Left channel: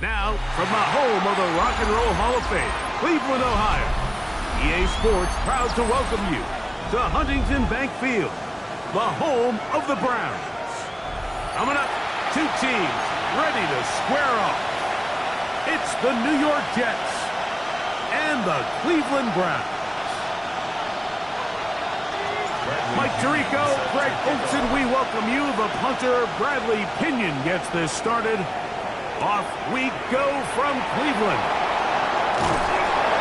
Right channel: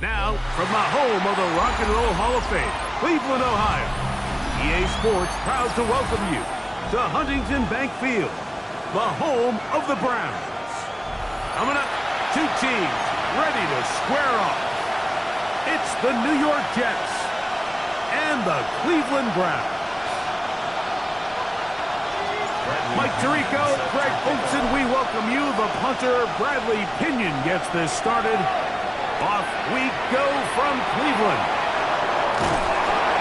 Now, from the home of the Rock and Roll Hall of Fame, Cleveland, Ohio, EA Sports proud to welcome you to Huntington Bank Field, the home of the Browns. Coming up, two teams ready to square off. It's the New York Jets and the Cleveland Browns. Mike Tirico, Greg Olson, we welcome you. The punter, Bradley Pinion, gets this started. Off we go from Cleveland.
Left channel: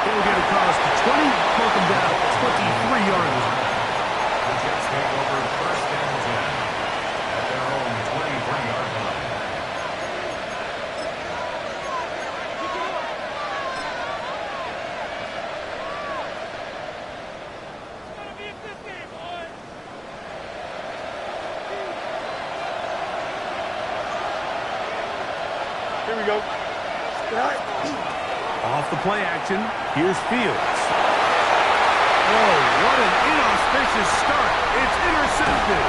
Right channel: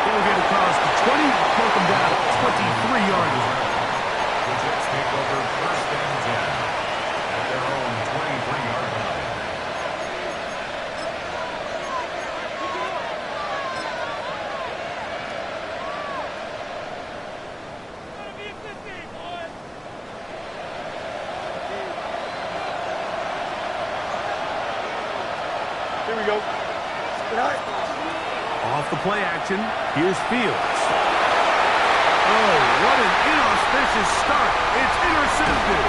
He'll get across the 20, welcome down 23-yard line. The Jets take over first and 10 at their own 23-yard line. Here we go. Off the play action, here's Fields. Oh, what an inauspicious start. It's intercepted.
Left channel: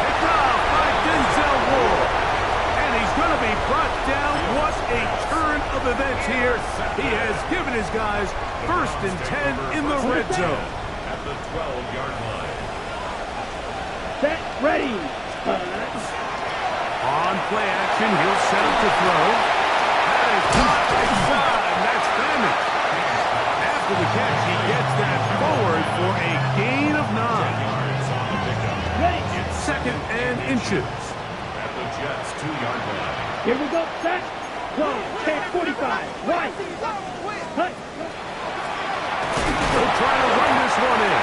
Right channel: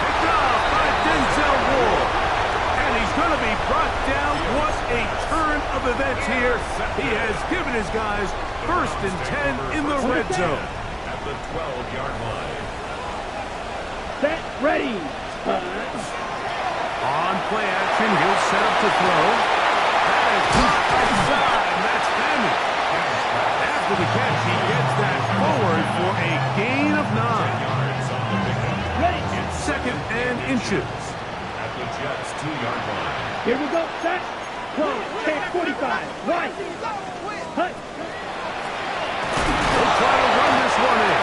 Picked off by Denzel Ward. And he's going to be brought down. What a turn of events here. He has given his guys first and 10 in the red zone. At the 12-yard line. Set, ready. On play action, he'll set up to throw. That is caught inside. That's damage. After the catch, he gets that forward for a gain of 9. 10 yards on the pickup. Ready. It's second and inches. At the Jets' 2-yard line. Here we go. Set. Close. 10-45. Right. Hut. He'll try to run this one in.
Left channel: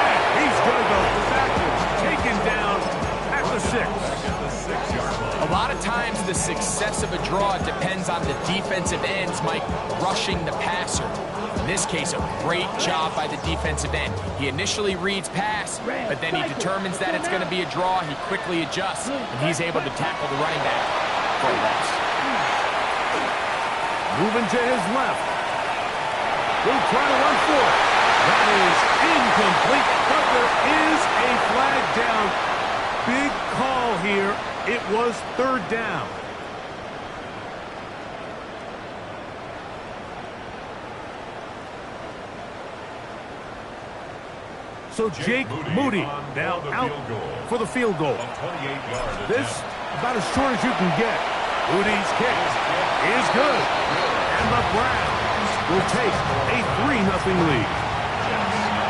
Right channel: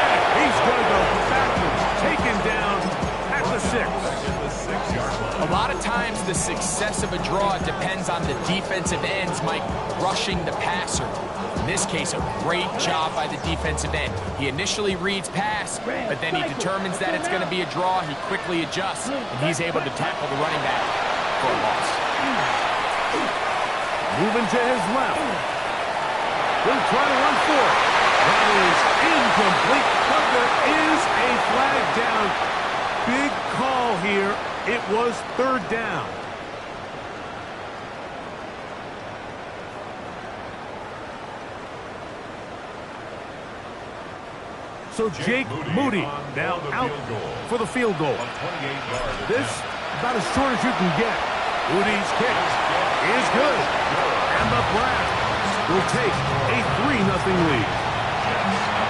And he's going to go backwards. Taken down at the 6. At the 6-yard line. A lot of times the success of a draw depends on the defensive ends, Mike, rushing the passer. In this case, a great job by the defensive end. He initially reads pass, but then he determines that it's going to be a draw. He quickly adjusts, and he's able to tackle the running back for a loss. Moving to his left. He'll try to run for it. That is incomplete, but there is a flag down. Big call here. It was third down. So Jake Moody now out for the field goal. This about as short as you can get. Moody's kick is good. And the Browns will take a 3-0 lead.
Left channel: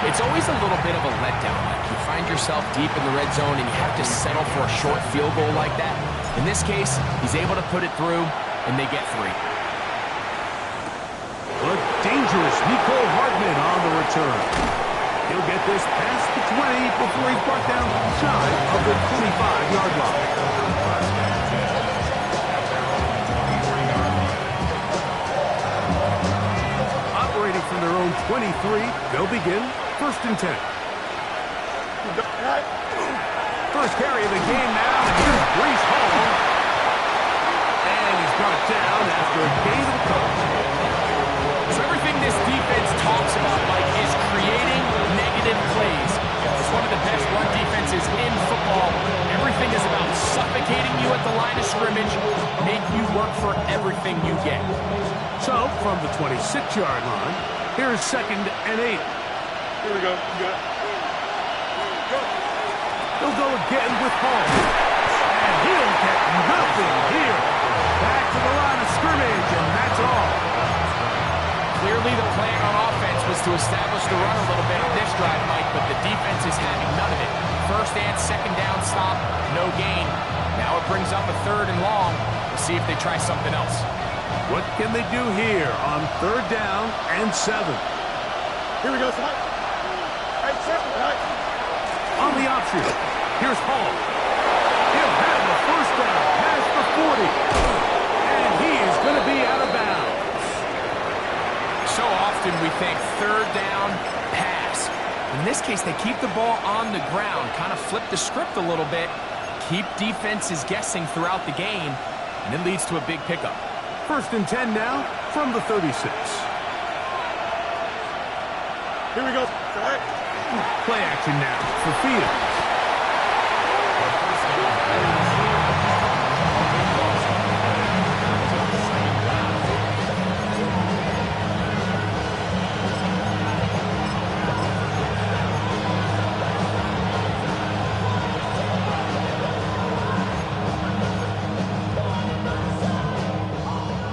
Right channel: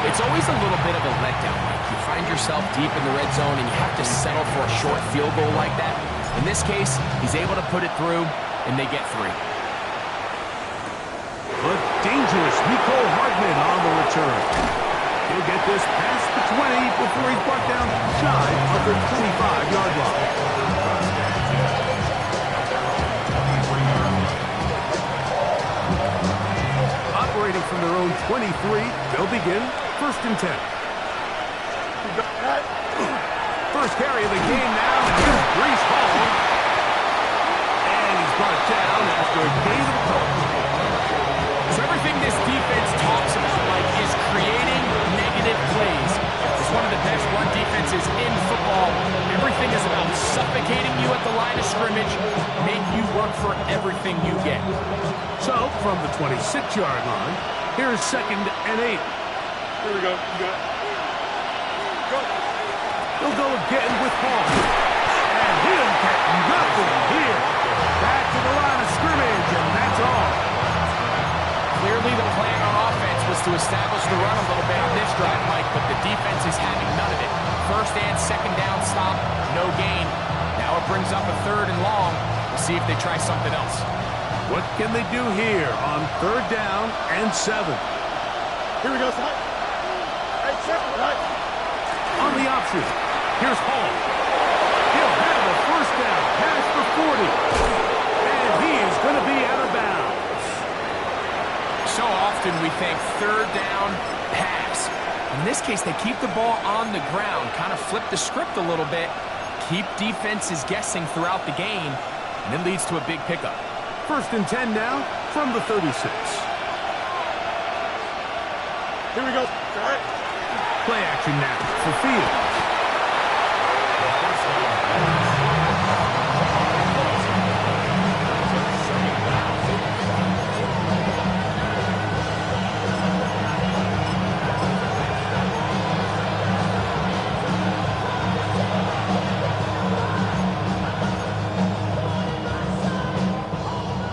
It's always a little bit of a letdown, Mike. You find yourself deep in the red zone and you have to settle for a short field goal like that. In this case, he's able to put it through, and they get 3. But dangerous Nicole Hardman on the return. He'll get this past the 20 before he's brought down shy of the 25-yard line. Operating from their own 23, they'll begin first and 10. First carry of the game now, and here's Breece Hall. And he's brought down after a gain of a couple. So everything this defense talks about, Mike, is creating negative plays. It's one of the best run defenses in football. Everything is about suffocating you at the line of scrimmage, make you work for everything you get. So, from the 26-yard line, here's second and 8. Here we go. Go. He'll go again with Hall. And he'll get nothing here. Back to the line of scrimmage, and that's all. Clearly the plan on offense was to establish the run a little bit on this drive, Mike, but the defense is having none of it. First and second down stop, no gain. Now it brings up a 3rd and long. We'll see if they try something else. What can they do here on 3rd down and 7? Here we go, Sly. Right, set, right. On the option, here's Hall. He'll have a first down past the 40. And he is going to be out of bounds. So often we think 3rd down, pass. In this case, they keep the ball on the ground, kind of flip the script a little bit, keep defenses guessing throughout the game, and it leads to a big pickup. First and 10 now from the 36. Here we go. Right. Play action now for Fields. The first down pass. A big loss on the play. Brings up second down.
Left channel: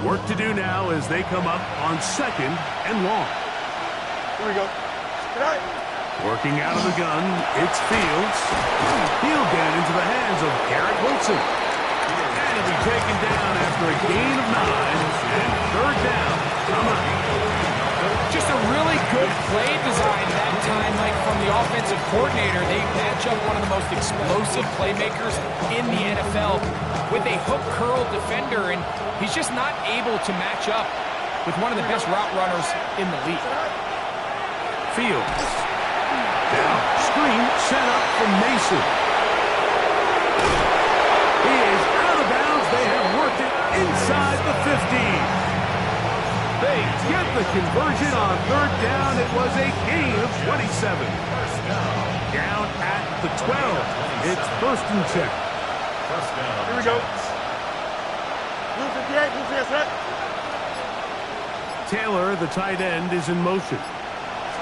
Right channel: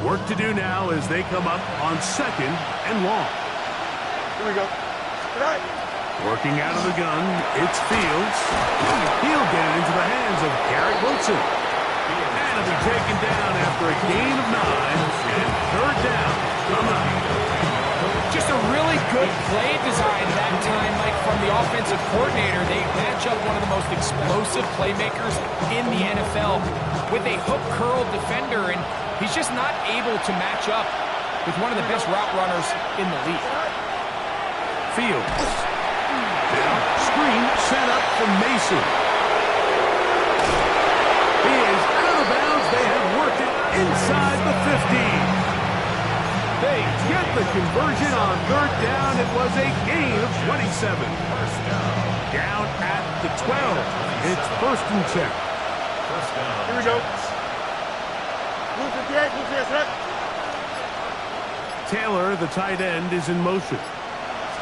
Work to do now as they come up on 2nd and long. Here we go. Right. Working out of the gun, it's Fields. He'll get it into the hands of Garrett Wilson. And it'll be taken down after a gain of 9 and 3rd down. Come on. Just a really good play design that time, Mike, from the offensive coordinator. They match up one of the most explosive playmakers in the NFL with a hook curl defender, and he's just not able to match up with one of the best route runners in the league. Fields. Now, screen set up from Mason. He is out of bounds. They have worked it inside the 15. They get the conversion on 3rd down. It was a gain of 27. Down at the 12. It's 1st and 10. First down. Here we go. Blue 58, blue 58, right. Taylor, the tight end, is in motion.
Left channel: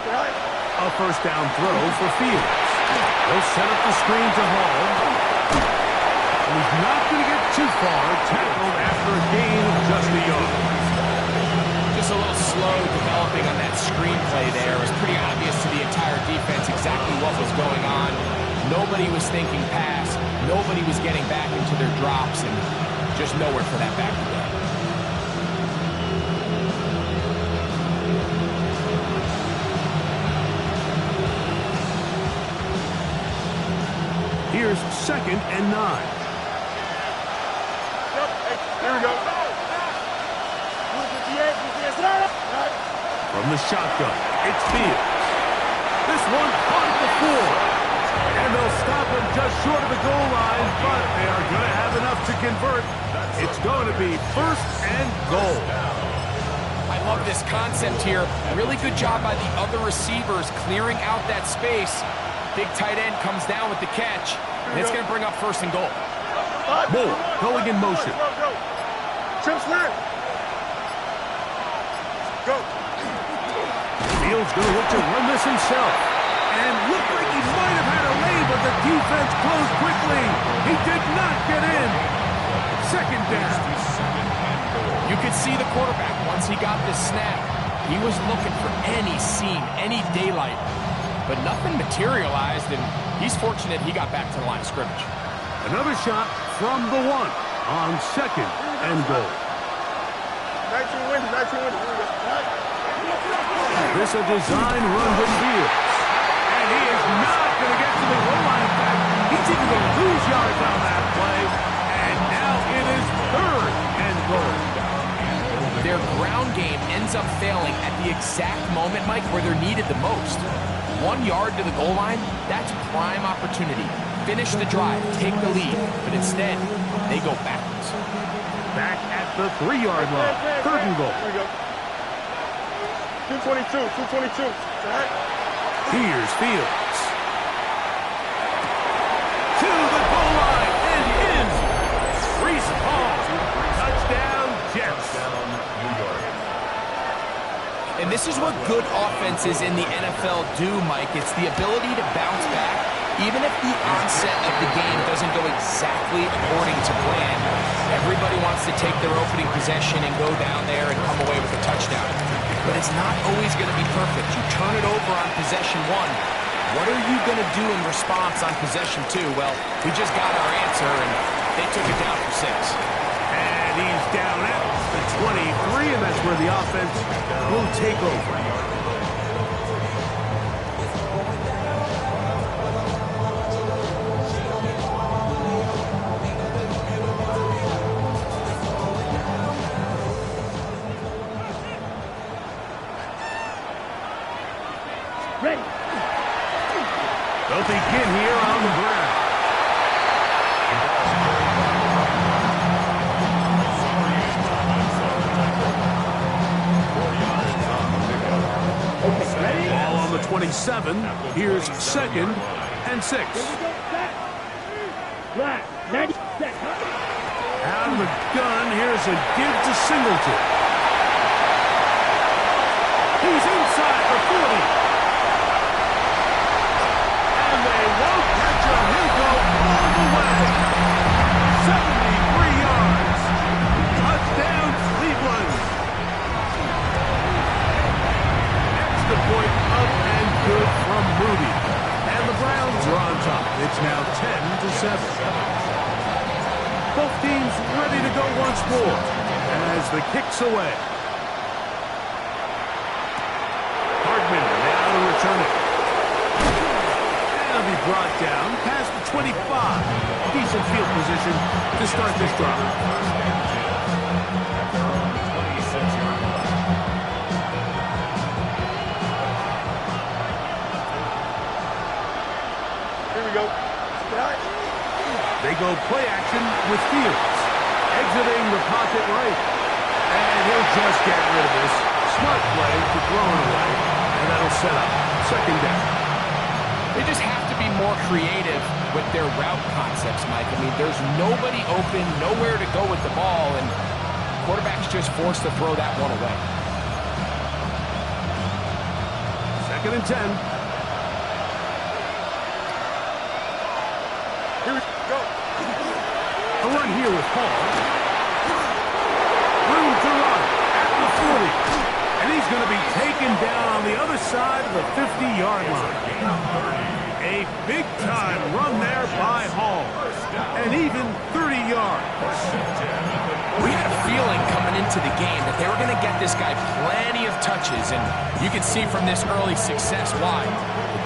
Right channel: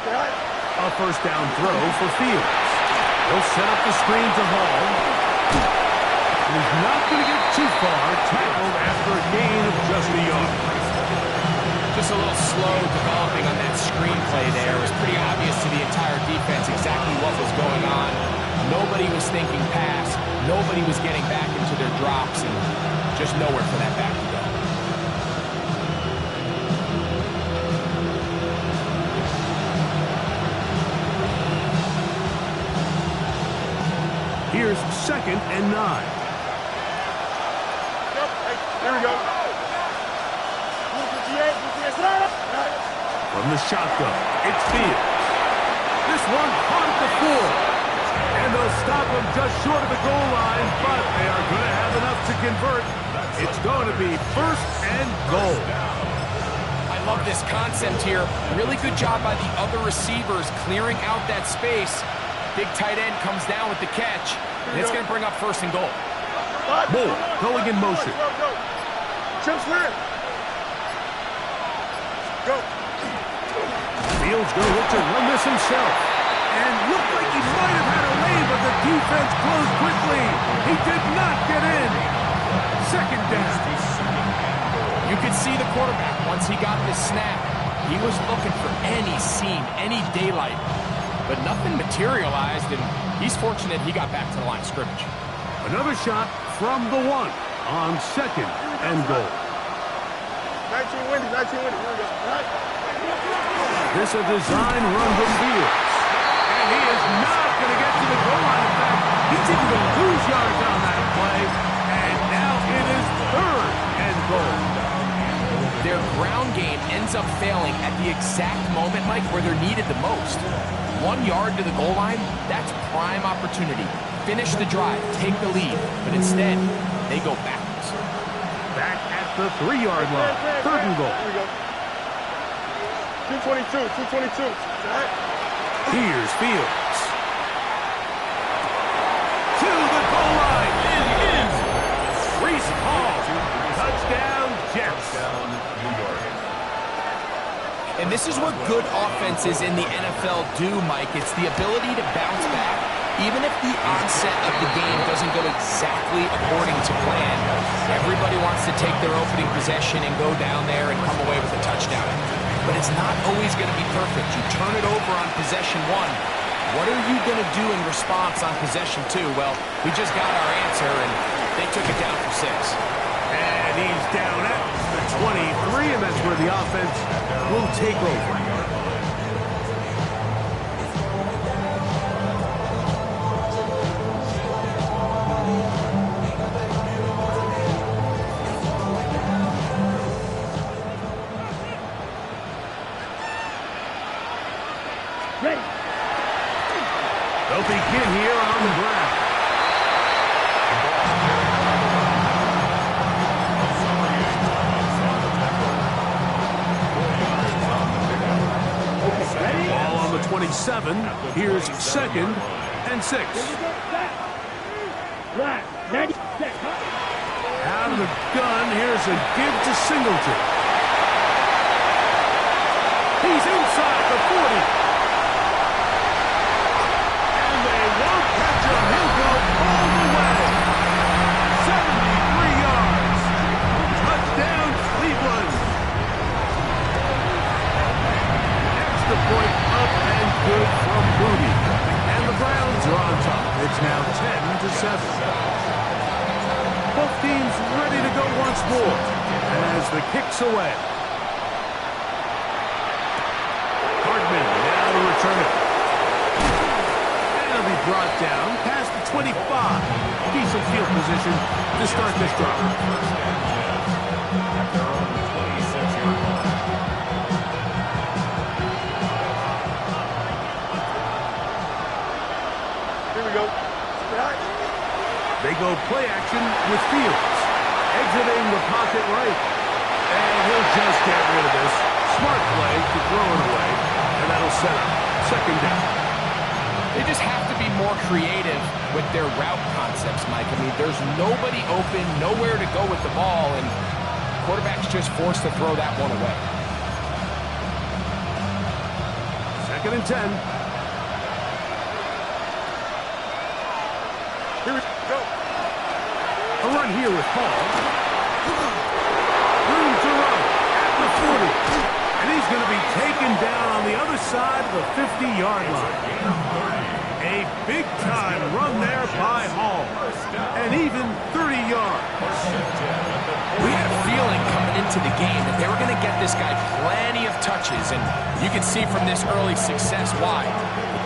Right. A 1st down throw for Fields. He'll set up the screen to Hall. And he's not going to get too far. Tackled after a gain of just a yard. Just a little slow developing on that screenplay there. It was pretty obvious to the entire defense exactly what was going on. Nobody was thinking pass. Nobody was getting back into their drops, and just nowhere for that back to go. Here's 2nd and 9. Yep. Hey, here we go. Blue 58, blue 58, right. From the shotgun, it's Fields. This one caught at the 4. And they'll stop him just short of the goal line, but they are going to have enough to convert. It's going to be 1st and goal. I love this concept here. Really good job by the other receivers clearing out that space. Big tight end comes down with the catch, and it's going to bring up 1st and goal. Moore going in motion. Go. Trim slant. Go. Fields going to look to run this himself. And looked like he might have had a lane, but the defense closed quickly. He did not get in. 2nd down. You could see the quarterback, once he got this snap, he was looking for any seam, any daylight. But nothing materialized, and he's fortunate he got back to the line of scrimmage. Another shot from the 1 on 2nd and goal. 19 windy, 19 windy. Here we go. Right. This a design run from Fields. And he is not going to get to the goal line. In fact, he's even going to lose yards on that play. And now it is 3rd and goal. Their ground game ends up failing at the exact moment, Mike, where they're needed the most. 1 yard to the goal line, that's prime opportunity. Finish the drive, take the lead. But instead, they go backwards. Back at the 3-yard line. 3rd and goal. Here we go. 222, 222. Right. Here's Fields. To the goal line and in. Reese Hall. Touchdown, Jets. Touchdown, New York. And this is what good offenses in the NFL do, Mike. It's the ability to bounce back, even if the onset of the game doesn't go exactly according to plan. Everybody wants to take their opening possession and go down there and come away with a touchdown. But it's not always going to be perfect. You turn it over on possession 1. What are you going to do in response on possession 2? Well, we just got our answer, and they took it down for 6. And he's down at the 23, and that's where the offense will take over. Ready. They'll begin here on the ground. Ball on the 27. Here's 2nd and 6. Right. 90. Out of the gun, here's a give to Singleton. He's inside the 40. And they won't catch him. He'll go all the way. 73 yards. Touchdown, Cleveland. It's now 10-7. Both teams ready to go once more as the kick's away. Hardman now to return it. And it'll be brought down past the 25. Decent field position to start this drive. First and 10 at their own 26-yard line. Here we go. They go play action with Fields. Exiting the pocket right. And he'll just get rid of this. Smart play to throw it away. And that'll set up second down. They just have to be more creative with their route concepts, Mike. I mean, there's nobody open, nowhere to go with the ball, and quarterback's just forced to throw that one away. Second and 10. Here we go. A run here with Hall. Room to run at the 40. And he's going to be taken down on the other side of the 50-yard line. A big-time run there by Hall. And even 30 yards. We had a feeling coming into the game that they were going to get this guy plenty of touches, and you can see from this early success why.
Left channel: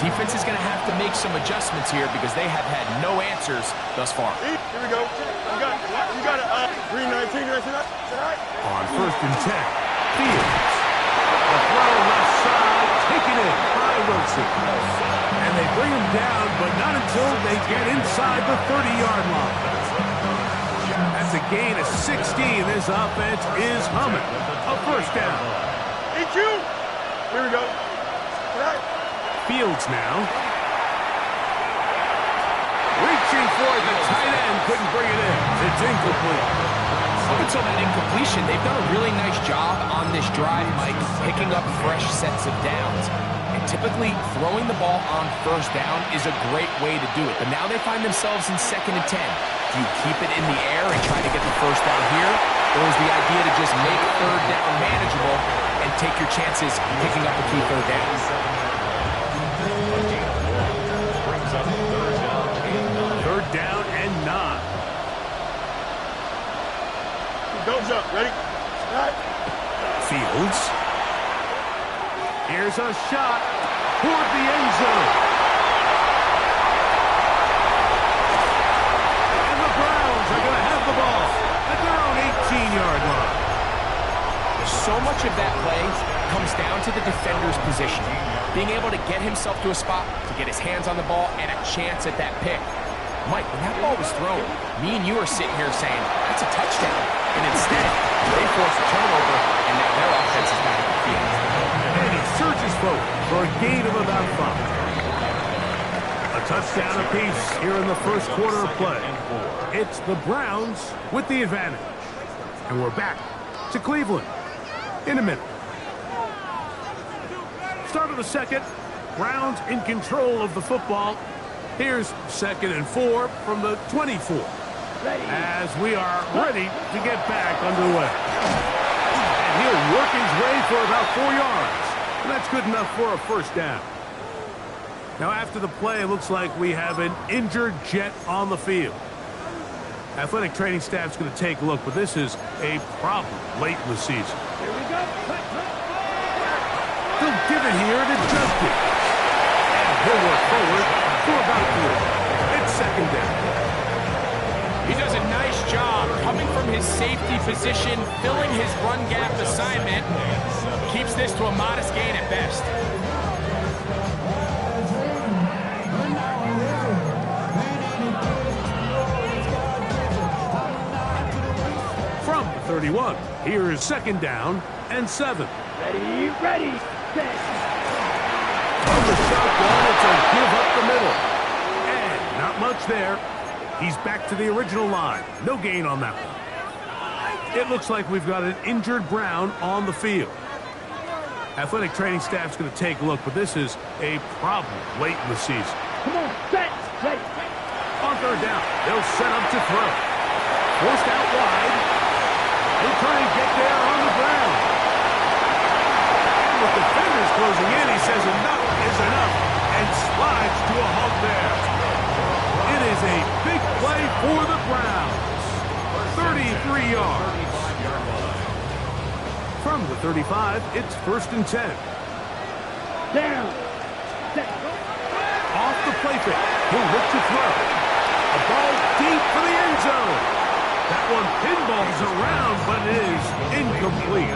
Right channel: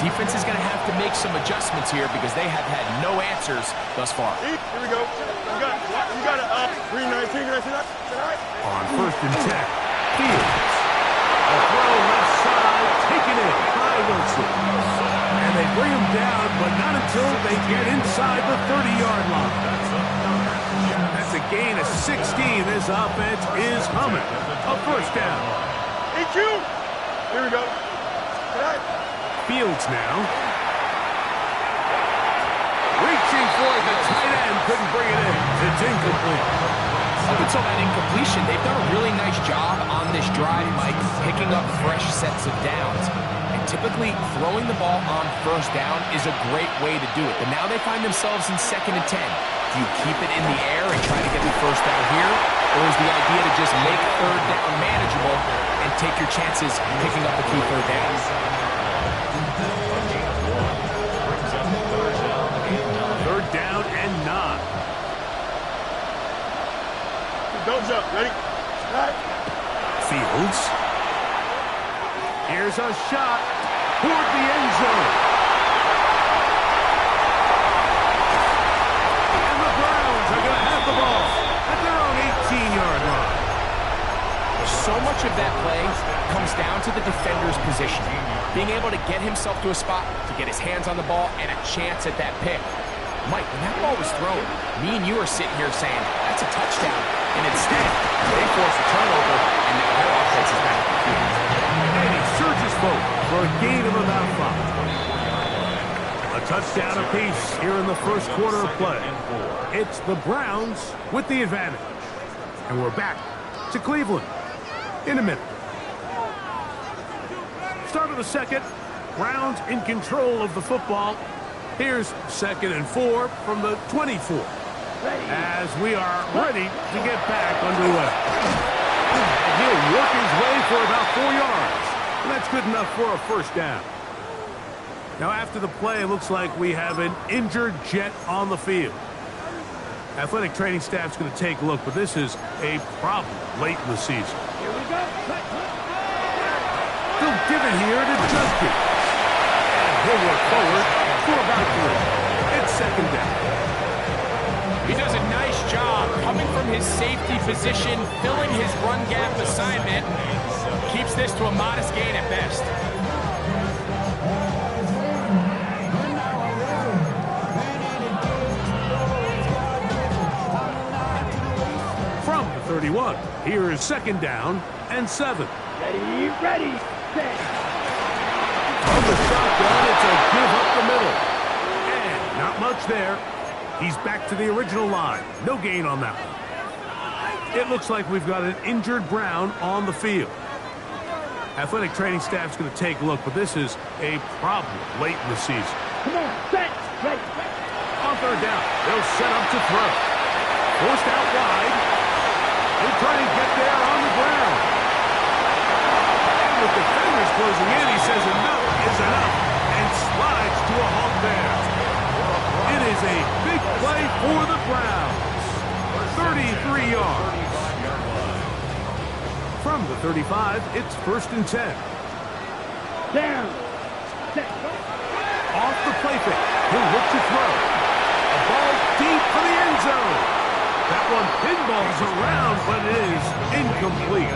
The defense is going to have to make some adjustments here because they have had no answers thus far. Here we go. You got it. 319. On first and 10, Fields. The throw left side, taken in by Wilson. And they bring him down, but not until they get inside the 30-yard line. That's a gain of 16. This offense is humming. A first down. EQ. Here we go. Fields now. Reaching for it, the tight end couldn't bring it in. It's incomplete. Up until that incompletion, they've done a really nice job on this drive, Mike, picking up fresh sets of downs. And typically, throwing the ball on first down is a great way to do it. But now they find themselves in second and 10. Do you keep it in the air and try to get the first down here? Or is the idea to just make third down manageable and take your chances picking up a key third down? Third down and 9. Don't jump. Ready? Fields. Here's a shot toward the end zone. And the Browns are going to have the ball at their own 18-yard line. So much of that play comes down to the defender's position. Being able to get himself to a spot, to get his hands on the ball, and a chance at that pick. Mike, when that ball was thrown, me and you are sitting here saying, that's a touchdown. And instead, they force a turnover, and now their offense is back on the field. And he surges forward for a gain of about 5. A touchdown apiece here in the first quarter of play. It's the Browns with the advantage. And we're back to Cleveland in a minute. Start of the second. Browns in control of the football. Here's second and 4 from the 24. As we are ready to get back underway. And he'll work his way for about 4 yards. And that's good enough for a first down. Now after the play, it looks like we have an injured Jet on the field. Athletic training staff's going to take a look, but this is a problem late in the season. Here we go. They'll give it here to Justin. And he'll work forward for about 3. It's second down. He does a nice job coming from his safety position, filling his run gap assignment. Keeps this to a modest gain at best. From the 31, here is second down and 7. Ready, set. From the shotgun, it's a give up the middle. And not much there. He's back to the original line. No gain on that one. It looks like we've got an injured Brown on the field. Athletic training staff's going to take a look, but this is a problem late in the season. Come on, set, ready. On third down, they'll set up to throw. Forced out wide. He'll try and get there on the ground. And with defenders closing in, he says enough is enough and slides to a halt there. It is a big play for the Browns. 33 yards. 35-yard line. From the 35, it's 1st and 10. Down. Set. Go. Off the play fake. He'll look to throw. A ball deep for the end zone. That one pinballs around, but it is incomplete.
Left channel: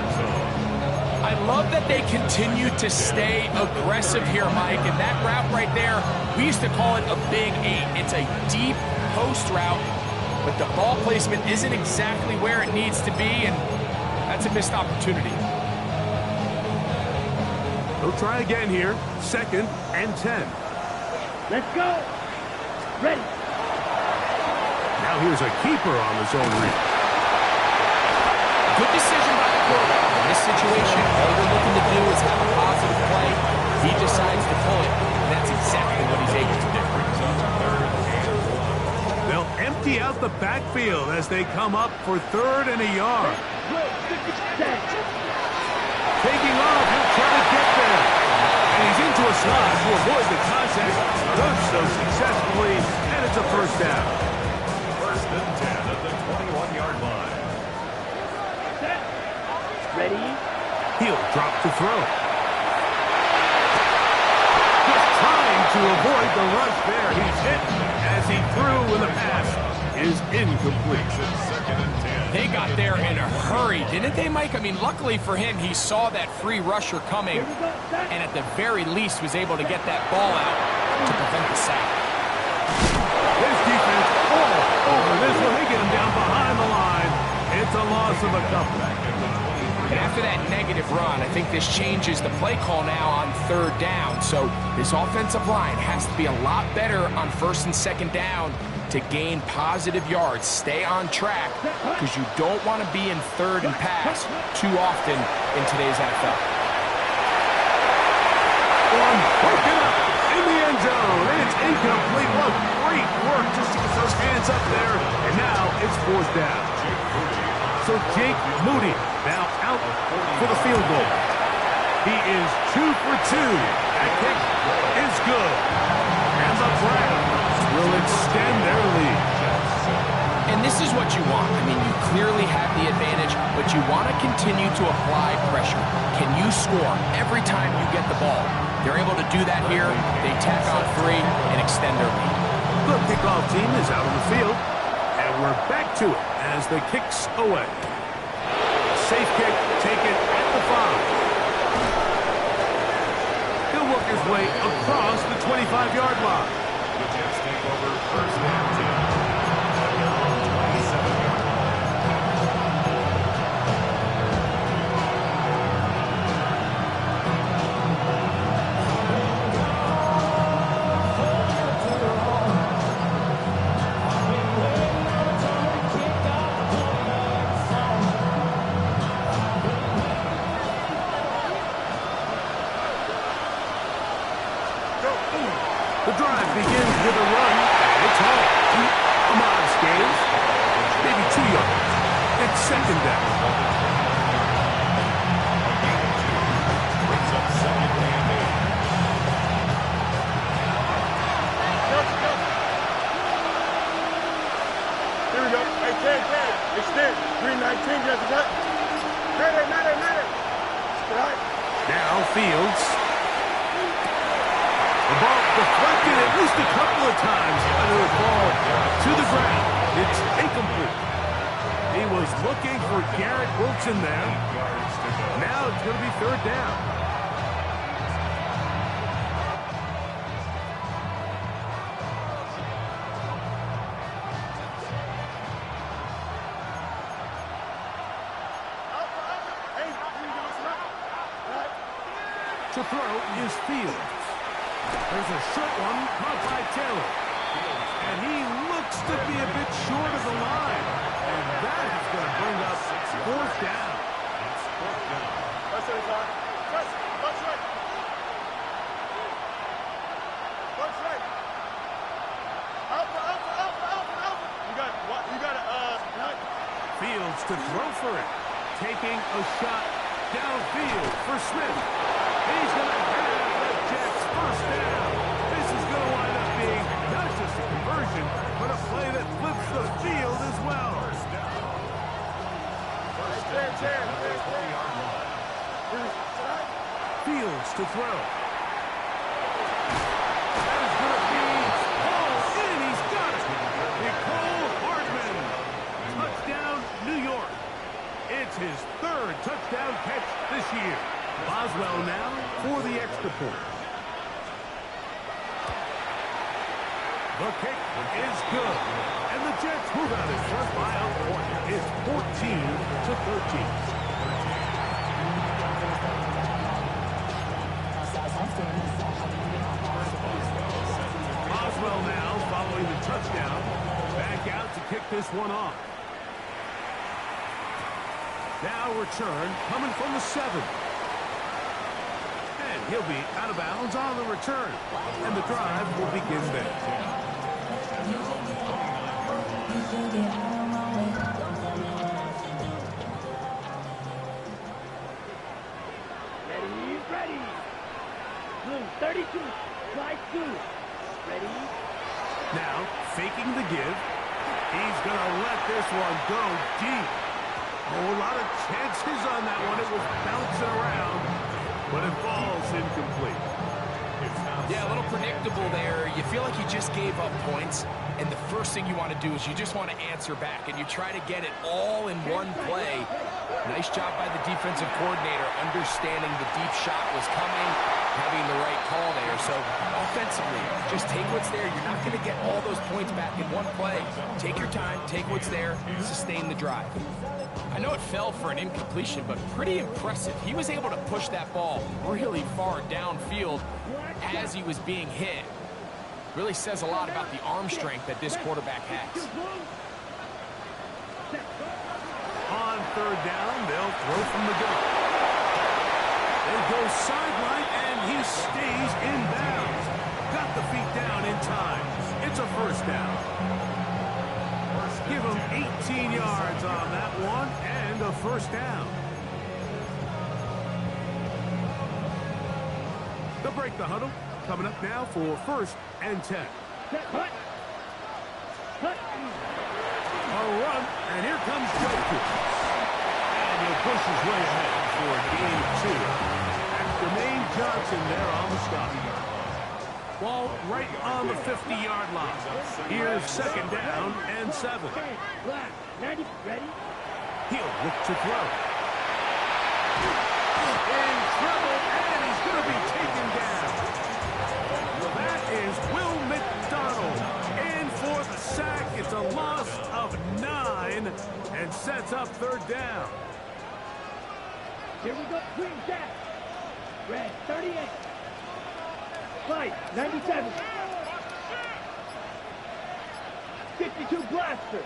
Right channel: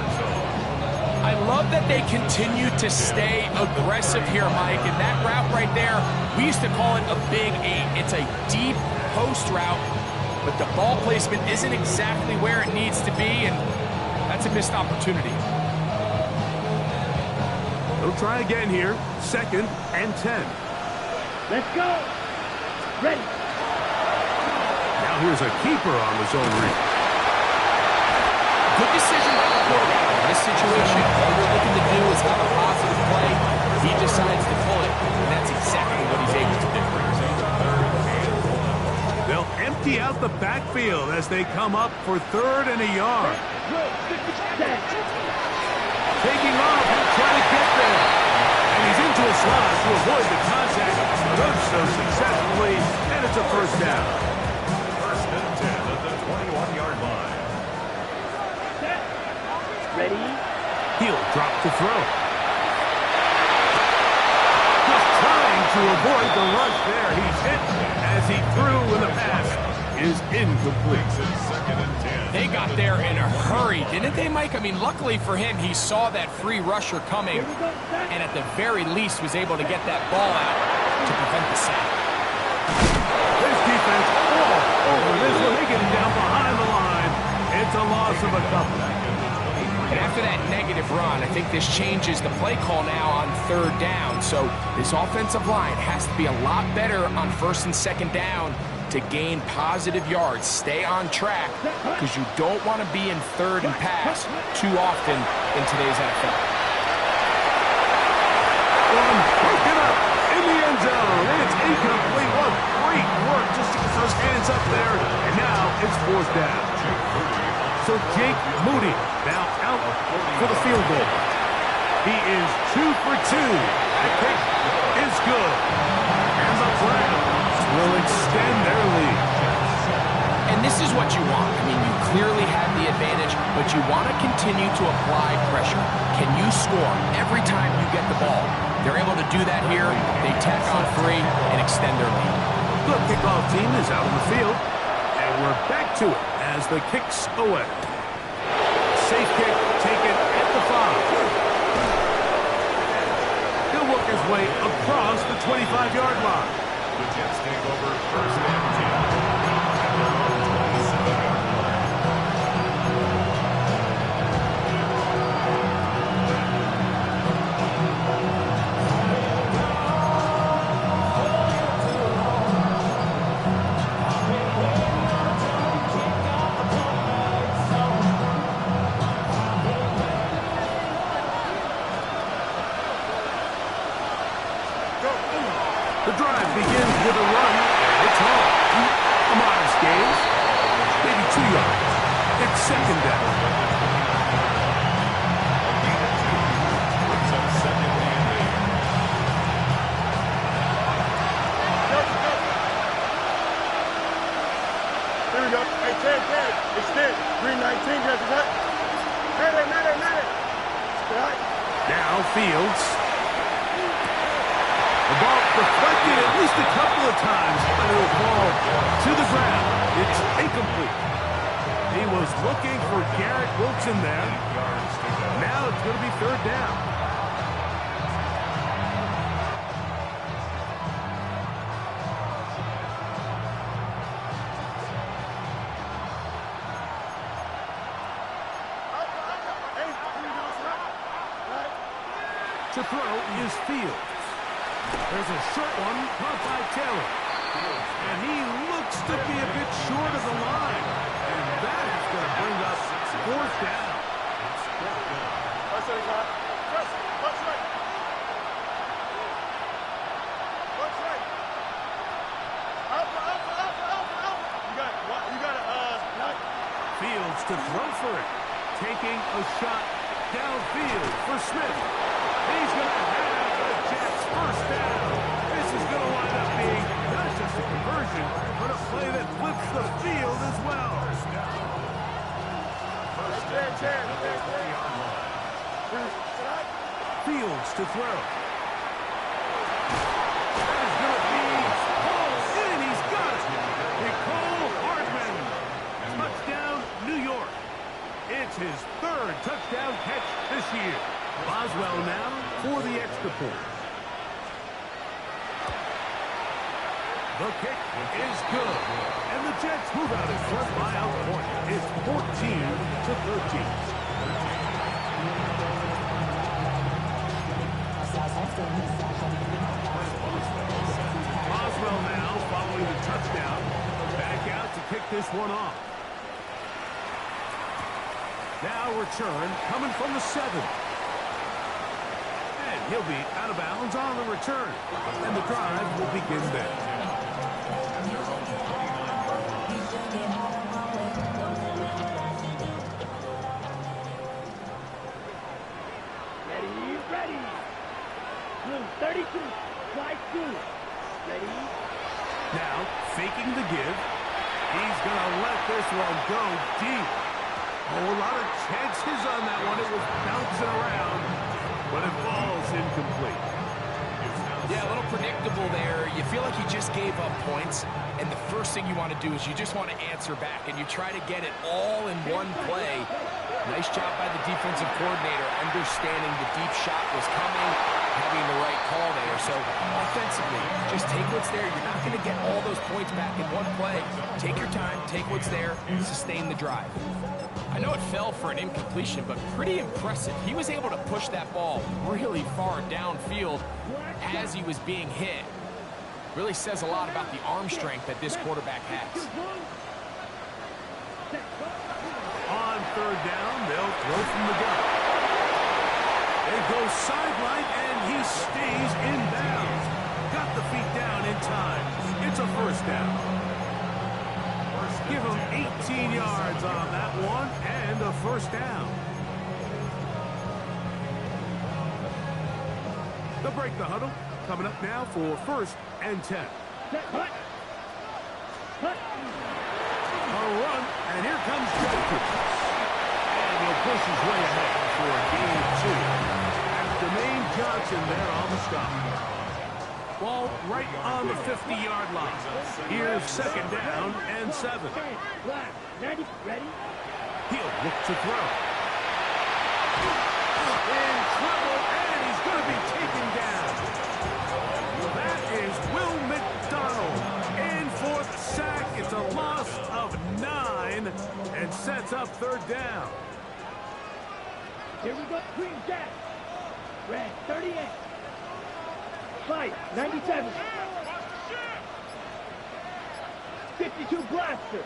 I love that they continue to stay aggressive here, Mike, and that route right there, we used to call it a big 8. It's a deep post route, but the ball placement isn't exactly where it needs to be, and that's a missed opportunity. They'll try again here. 2nd and 10. Let's go. Ready. Now here's a keeper on the zone read. Good decision by the quarterback. In this situation, all you're looking to do is have a positive play. He decides to pull it, and that's exactly what he's able to do. They'll empty out the backfield as they come up for 3rd and a yard. Set. Taking off, he'll try to get there. And he's into a slot to avoid the contact. Does so successfully, and it's a 1st down. 1st and 10 at the 21-yard line. Set. Ready. He'll drop to throw. Just trying to avoid the rush there. He's hit as he threw when the pass is incomplete. 2nd and 10. They got there in a hurry, didn't they, Mike? I mean, luckily for him, he saw that free rusher coming, Here we go. Set. and at the very least was able to get that ball out to prevent the sack. This defense all over this one. They get him down behind the line. It's a loss of a couple. And after that negative run, I think this changes the play call now on 3rd down. So this offensive line has to be a lot better on 1st and 2nd down to gain positive yards. Stay on track because you don't want to be in 3rd and pass too often in today's NFL. One broken up in the end zone. It's incomplete. What great work just to get those hands up there. And now it's 4th down. So Jake Moody now out for the field goal. He is 2 for 2. That kick is good. And the Browns will extend their lead. And this is what you want. I mean, you clearly have the advantage, but you want to continue to apply pressure. Can you score every time you get the ball? They're able to do that here. They tack on 3 and extend their lead. The kickoff team is out on the field. And we're back to it as the kick's away. Safe kick taken at the 5. He'll work his way across the 25-yard line. The Jets take over 1st and 10 at their own 27-yard line. The drive begins with a run, and it's home. A modest gain, maybe 2 yards. It's 2nd down. A gain of 2 brings up 2nd and 8. Here we go. Hey, Ted, extend. Green 19, just what? Matter. Right. Now Fields. The ball deflected at least a couple of times, but it'll fall to the ground. It's incomplete. He was looking for Garrett Wilson there. Now it's going to be 3rd down. Hey, here we go. Right. To throw is Fields. There's a short one caught by Taylor. And he looks to be a bit short of the line. And that is going to bring up 4th down. It's 4th down. That's it, Todd. Press. Watch right. Watch right. Alpha. You got it. Right. Fields to throw for it. Taking a shot downfield for Smith. He's going to have the Jets 1st down. This is going to wind up being not just just a conversion, but a play that flips the field as well. First down. First and 10 at the 20-yard line. Fields to throw. That is going to be hauled in. He's got it. Nicole Hardman. Touchdown, New York. It's his third touchdown catch this year. Boswell now for the extra point. The kick is good. And the Jets move out in front by a point. It's 14-13. Boswell now following the touchdown. Back out to kick this one off. Now return coming from the 7. And he'll be out of bounds on the return. And the drive will begin there. At their own 29-yard line. Ready. Blue 32. Slide 2. Ready. Now faking the give. He's going to let this one go deep. Oh, a lot of chances on that one. It was bouncing around, but it falls incomplete. Yeah, a little predictable there. You feel like you just gave up points, and the first thing you want to do is you just want to answer back, and you try to get it all in one play. Nice job by the defensive coordinator, understanding the deep shot was coming, having the right call there. So offensively, just take what's there. You're not going to get all those points back in one play. Take your time, take what's there, sustain the drive. I know it fell for an incompletion, but pretty impressive. He was able to push that ball really far downfield as he was being hit. Really says a lot about the arm strength that this quarterback has. On third down, they'll throw from the gun. They go sideline, and he stays in bounds. Got the feet down in time. It's a first down. Give him 18 yards on that one, and a first down. They'll break the huddle. Coming up now for first and 10. Cut. A run, and here comes Jokers. And he'll push his way ahead for a gain of 2. That's Jermaine Johnson there on the stop. Ball right on the 50-yard line. Here's second down and 7. Black. 90. Ready. He'll look to throw. In trouble, and he's going to be taken down. That is Will McDonald in for the sack. It's a loss of 9 and sets up third down. Here we go. Green Jack. Red 38. White 97. 52 Blaster.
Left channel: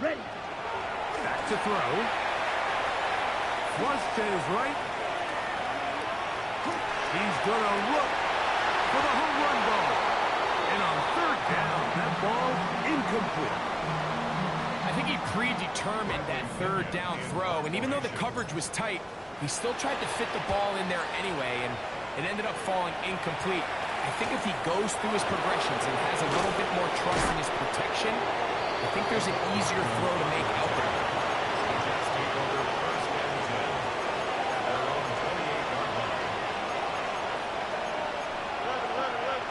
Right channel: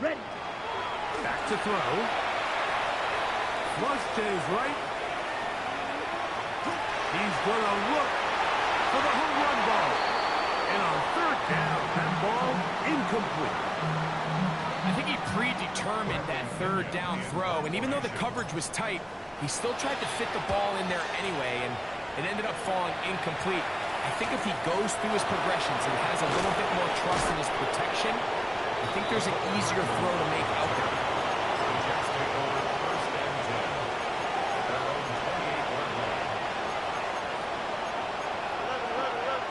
Ready. Back to throw. Flush to his right. He's going to look for the home run ball. And on third down, that ball incomplete. I think he predetermined that third down throw, and even though the coverage was tight, he still tried to fit the ball in there anyway, and it ended up falling incomplete. I think if he goes through his progressions and has a little bit more trust in his protection, I think there's an easier throw to make out there. The Jets take over first and 10 at their own 28-yard line. 11.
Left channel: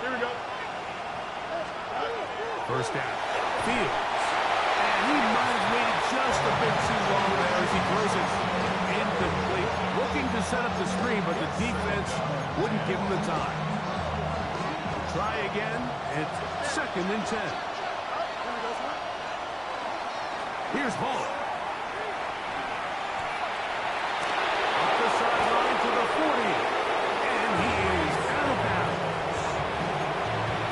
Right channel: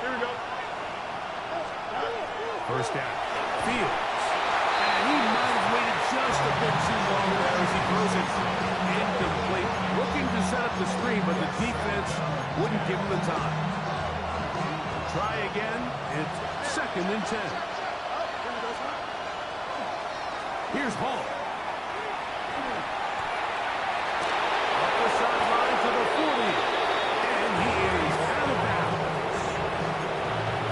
Here we go. First down. Fields. And he might have waited just a bit too long there as he throws it incomplete. Looking to set up the screen, but the defense wouldn't give him the time. Try again. It's second and 10. Here's Hall. Up the sideline to the 40. And he is out of bounds.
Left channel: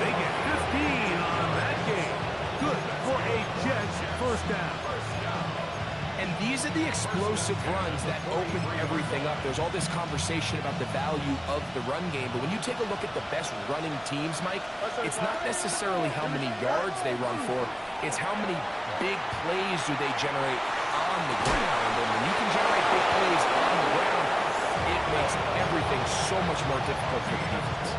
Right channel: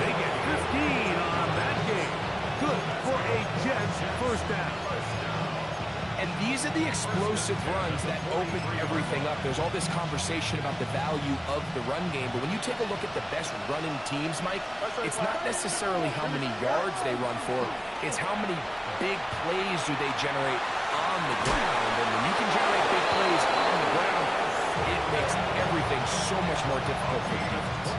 They get 15 on that game. Good for a Jets first down. And these are the explosive runs that open everything up. There's all this conversation about the value of the run game, but when you take a look at the best running teams, Mike, it's not necessarily how many yards they run for, it's how many big plays do they generate on the ground. And when you can generate big plays on the ground, It makes everything so much more difficult for the defense.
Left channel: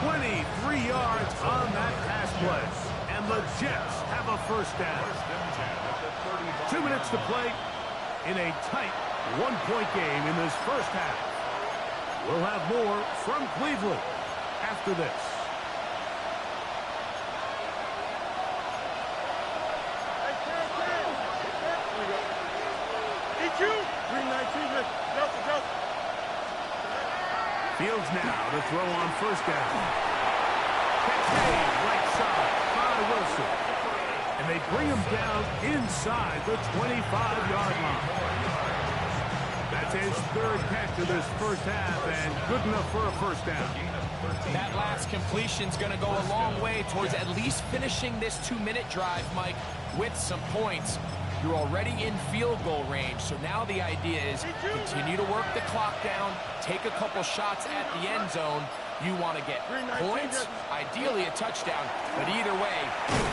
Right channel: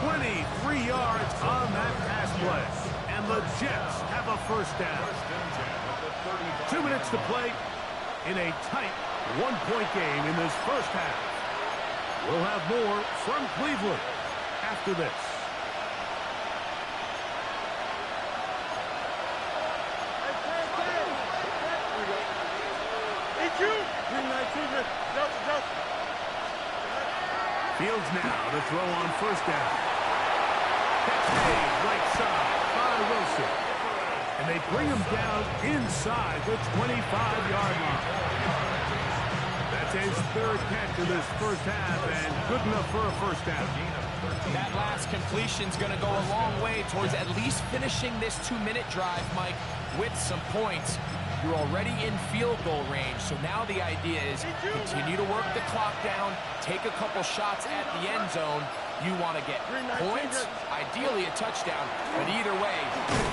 23 yards on that pass play. And the Jets have a first down. 2 minutes to play in a tight one-point game in this first half. We'll have more from Cleveland after this. Fields now to throw on first down. Catch made right side by Wilson. And they bring him down inside the 25-yard line. That's his third catch of this first half and good enough for a first down. That last completion's going to go a long way towards at least finishing this 2-minute drive, Mike, with some points. You're already in field goal range, so now the idea is continue to work the clock down, take a couple shots at the end zone. You want to get points, ideally a touchdown, but either way,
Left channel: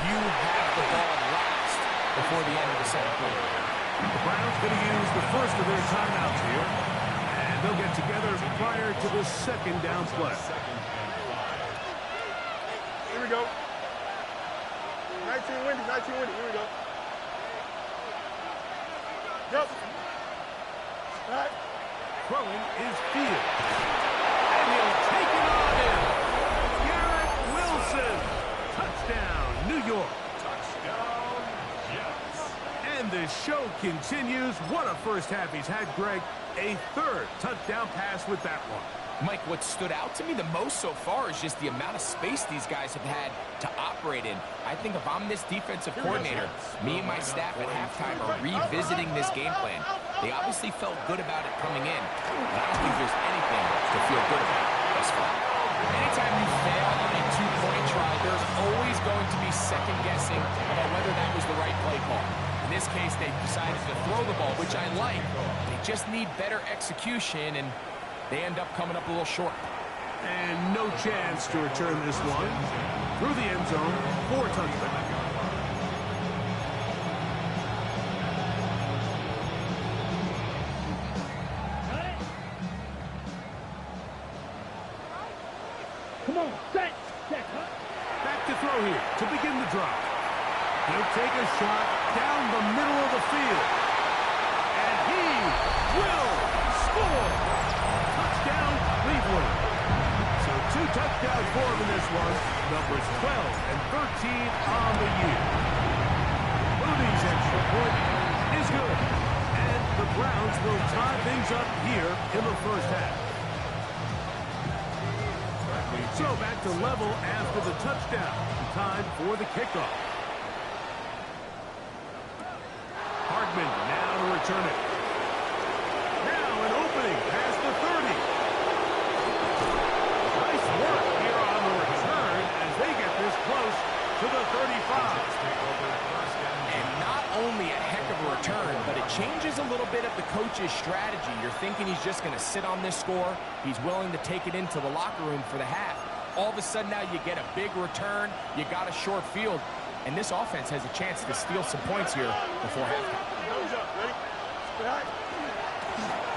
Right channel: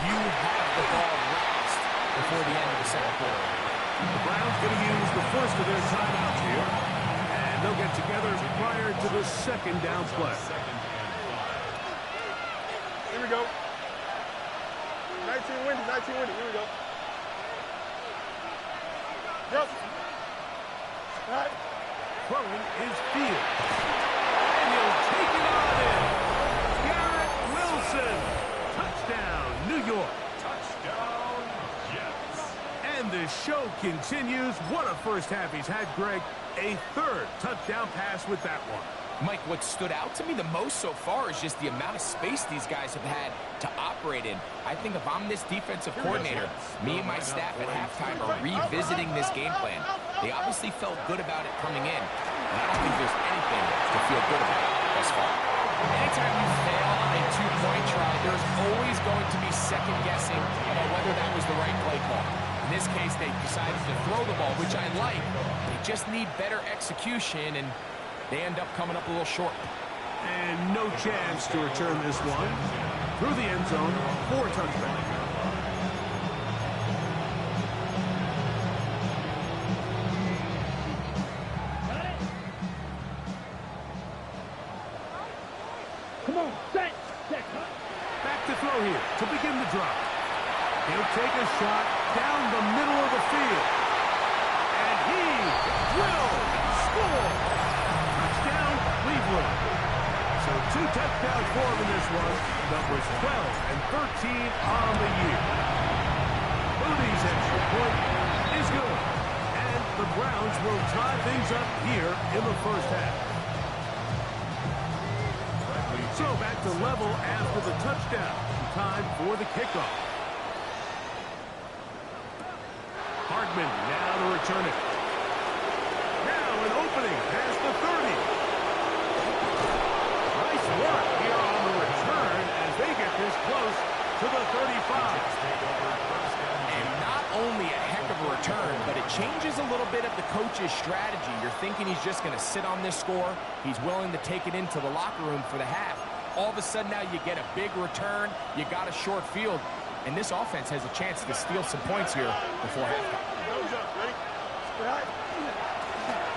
you have the ball last before the end of the second quarter. The Browns going to use the first of their timeouts here, and they'll get together prior to the second down play. Here we go. 19 windy, here we go. Yep. All right. Throwing is Fields. And he'll take it on in. Garrett Wilson. Touchdown, New York. Touchdown, Jets. And the show continues. What a first half he's had, Greg. A third touchdown pass with that one. Mike, what stood out to me the most so far is just the amount of space these guys have had to operate in. I think if I'm this defensive coordinator, me and my staff at halftime are revisiting this game plan. They obviously felt good about it coming in, but I don't think there's anything to feel good about thus far. Anytime you fail on a two-point try, there's always going to be second guessing about whether that was the right play call. In this case, they decided to throw the ball, which I like. They just need better execution, and they end up coming up a little short. And no chance to return this one through the end zone for a touchdown. Come on, set, cut. Back to throw here to begin the drive. He'll take a shot down the middle of the field. And he will score. Touchdown, Cleveland. So 2 touchdowns for him in this one. Numbers 12 and 13 on the year. Moody's extra point is good. And the Browns will tie things up here in the first half. So back to level after the touchdown. Time for the kickoff. Hardman now to return it. Now an opening past the 30. Nice work here on the return as they get this close to the 35. And not only a heck of a return, but it changes a little bit of the coach's strategy. You're thinking he's just going to sit on this score. He's willing to take it into the locker room for the half. All of a sudden now you get a big return. You got a short field. And this offense has a chance to steal some points here before halftime. Ready?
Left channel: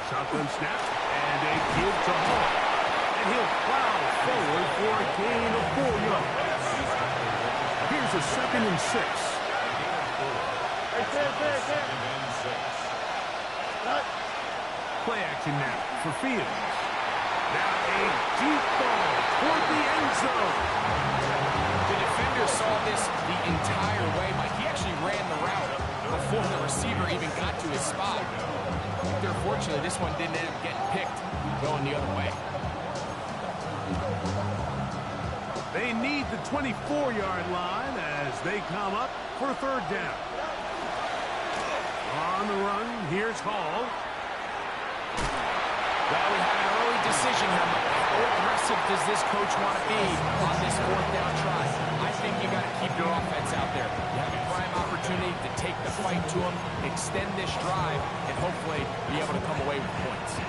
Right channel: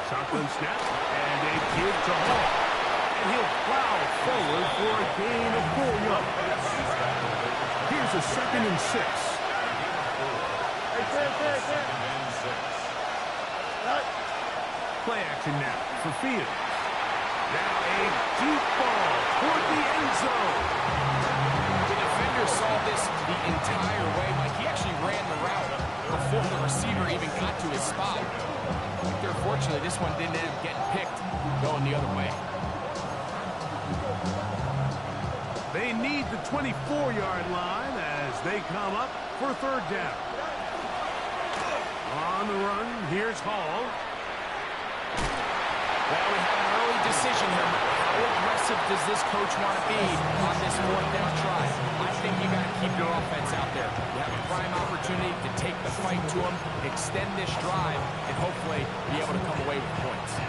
Shotgun snap and a give to Hall. And he'll plow forward for a gain of 4 yards. Here's a 2nd and 6. Play action now for Fields. Now a deep ball toward the end zone. The defender saw this the entire way, Mike. He actually ran the route before the receiver even got to his spot. Unfortunately, this one didn't end up getting picked, going the other way. They need the 24-yard line as they come up for 3rd down. On the run, here's Hall. Well, we have an early decision here, Mike. How aggressive does this coach want to be on this 4th down try? I think you got to keep your offense out there. You have a prime opportunity to take the fight to them, extend this drive, and hopefully be able to come away with points.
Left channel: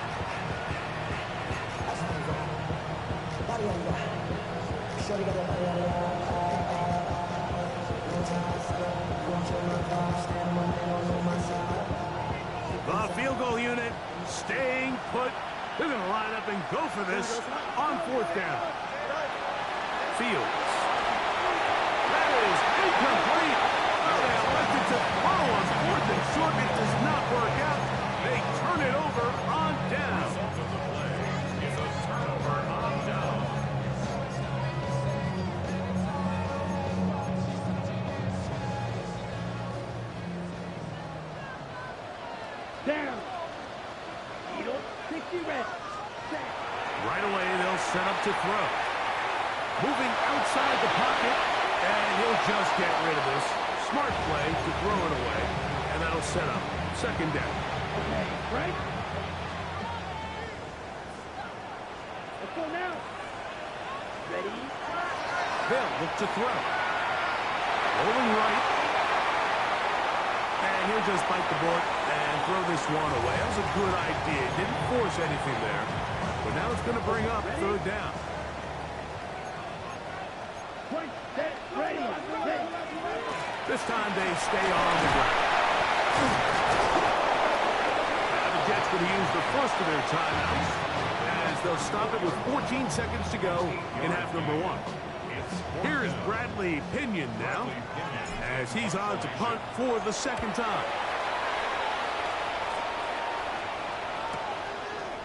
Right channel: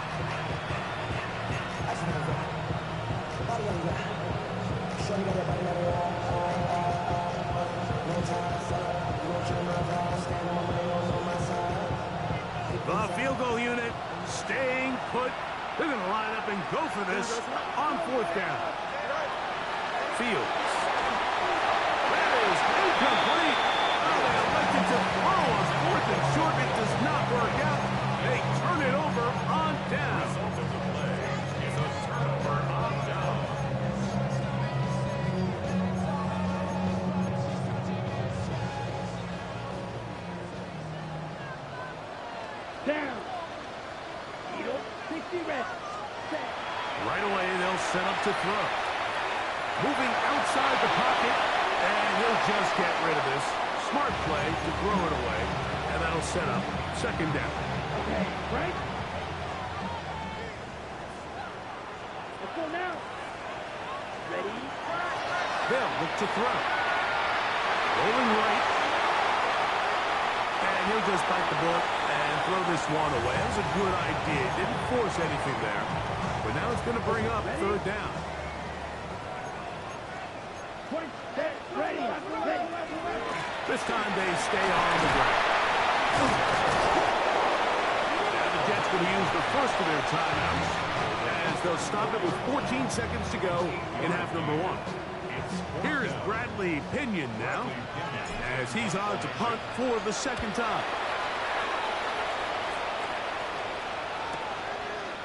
The field goal unit staying put They're going to line up and go for this on 4th down. Fields. That is incomplete. Oh, they elected to throw on 4th and short. It does not work out. They turn it over on down. The result of the play is a turnover on down. Down. Eagle, 60 reps. Set. Right away, they'll set up to throw. Moving outside the pocket, and he'll just get rid of this. Smart play to throw it away, and that'll set up 2nd down. Okay, right? Let's go now. Ready? They'll look to throw. Rolling right. And he'll just bite the bullet and throw this one away. That was a good idea. Didn't force anything there. But now it's going to bring up 3rd down. Point, set, ready. This time they stay on the ground. Now the Jets going to use the first of their timeouts as they'll stop it with 14 seconds to go in half number 1. Here is Bradley Pinion now as he's on to punt for the 2nd time.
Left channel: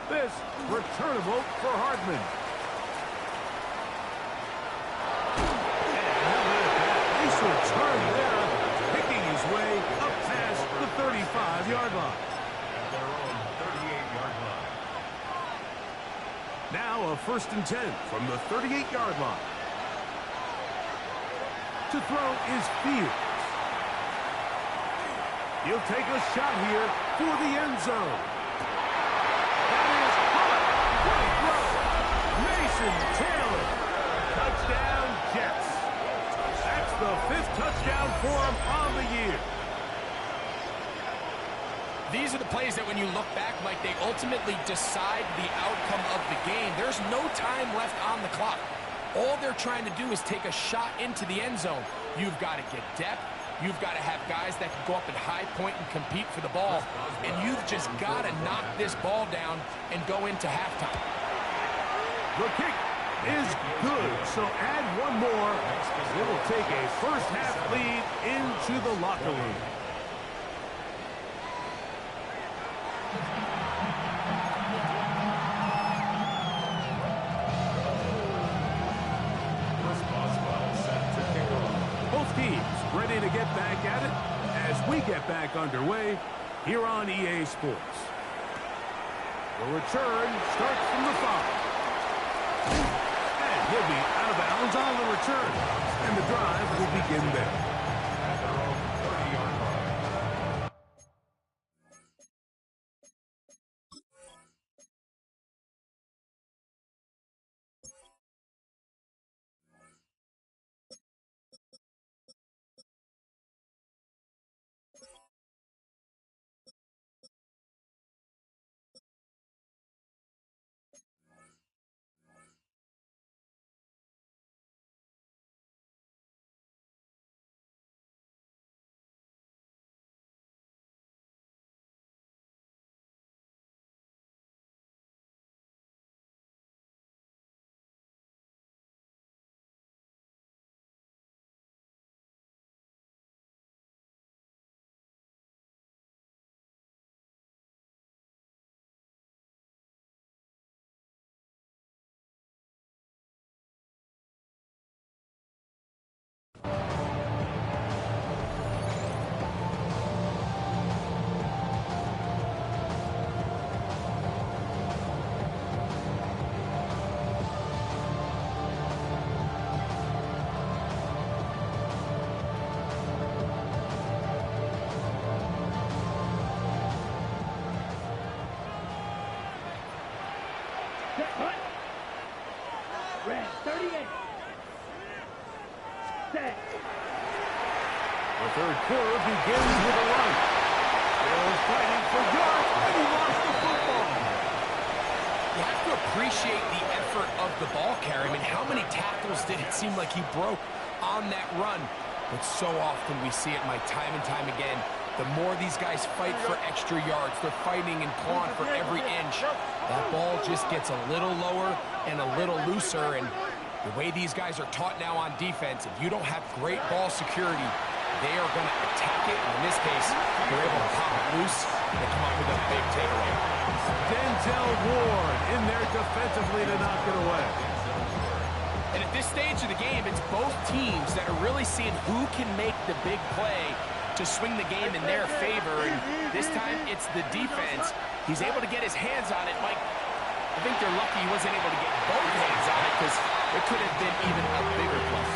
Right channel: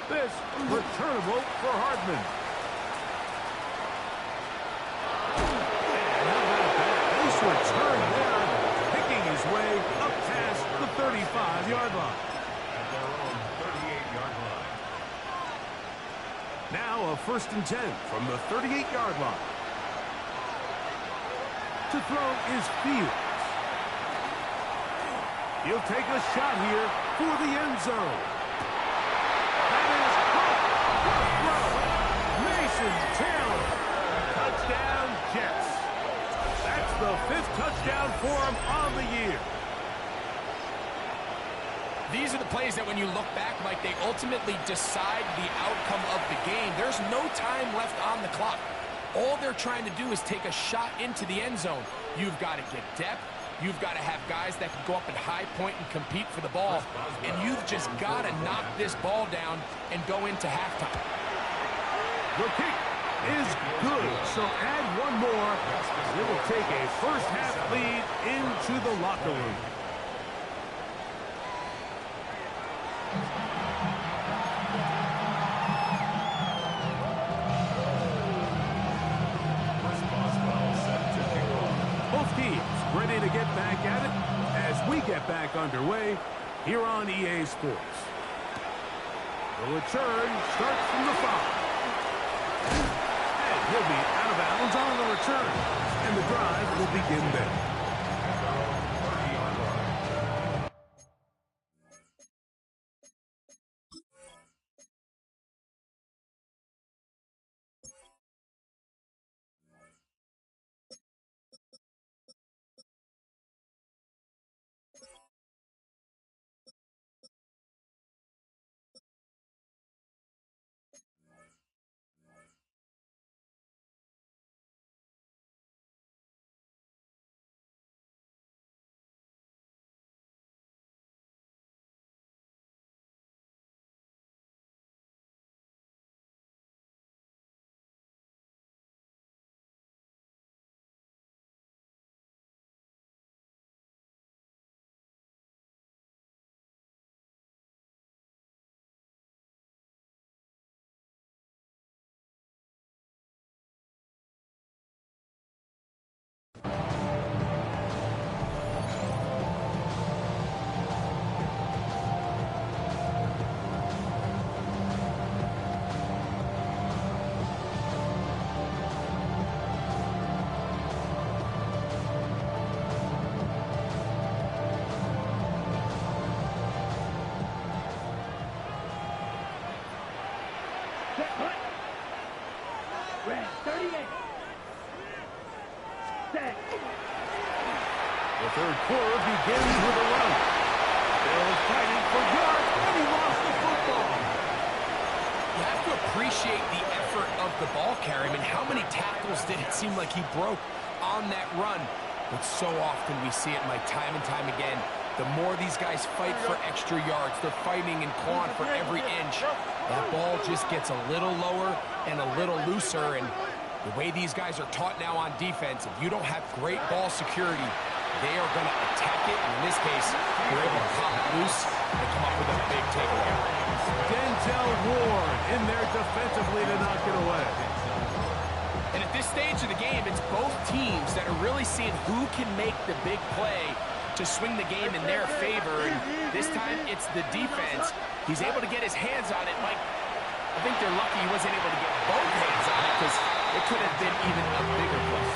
This returnable for Hardman. And how about that? Nice return there, picking his way up past the 35-yard line. At their own 38-yard line. Now a 1st and 10 from the 38-yard line. To throw is Fields. He'll take a shot here for the end zone. That is caught. What a throw. Mason Taylor. Touchdown, Jets. That's the 5th touchdown for him on the year. These are the plays that when you look back, Mike, they ultimately decide the outcome of the game. There's no time left on the clock. All they're trying to do is take a shot into the end zone. You've got to get depth. You've got to have guys that can go up at high point and compete for the ball. And you've just got to knock this ball down and go into halftime. The kick is good, so add one more. It will take a first-half lead into the locker room. Both teams ready to get back at it as we get back underway here on EA Sports. The return starts from the 5. And he'll be out of bounds on the return. And the drive will begin there. At their own 30-yard line. Set, punt. Red, 38. Set. The third quarter begins with a run. Still fighting for yards, and he lost the football. You have to appreciate the effort of the ball carrier. I mean, how many tackles did it seem like he broke on that run? But so often we see it, Mike, time and time again. the more these guys fight for extra yards. They're fighting and clawing for every inch. That ball just gets a little lower and a little looser, and the way these guys are taught now on defense, if you don't have great ball security, they are going to attack it, and in this case, they're able to pop it loose and come up with a big takeaway. Denzel Ward in there defensively to knock it away. And at this stage of the game, it's both teams that are really seeing who can make the big play to swing the game in their favor, and this time it's the defense. He's able to get his hands on it. Mike, I think they're lucky he wasn't able to get both hands on it, because it could have been even a bigger play.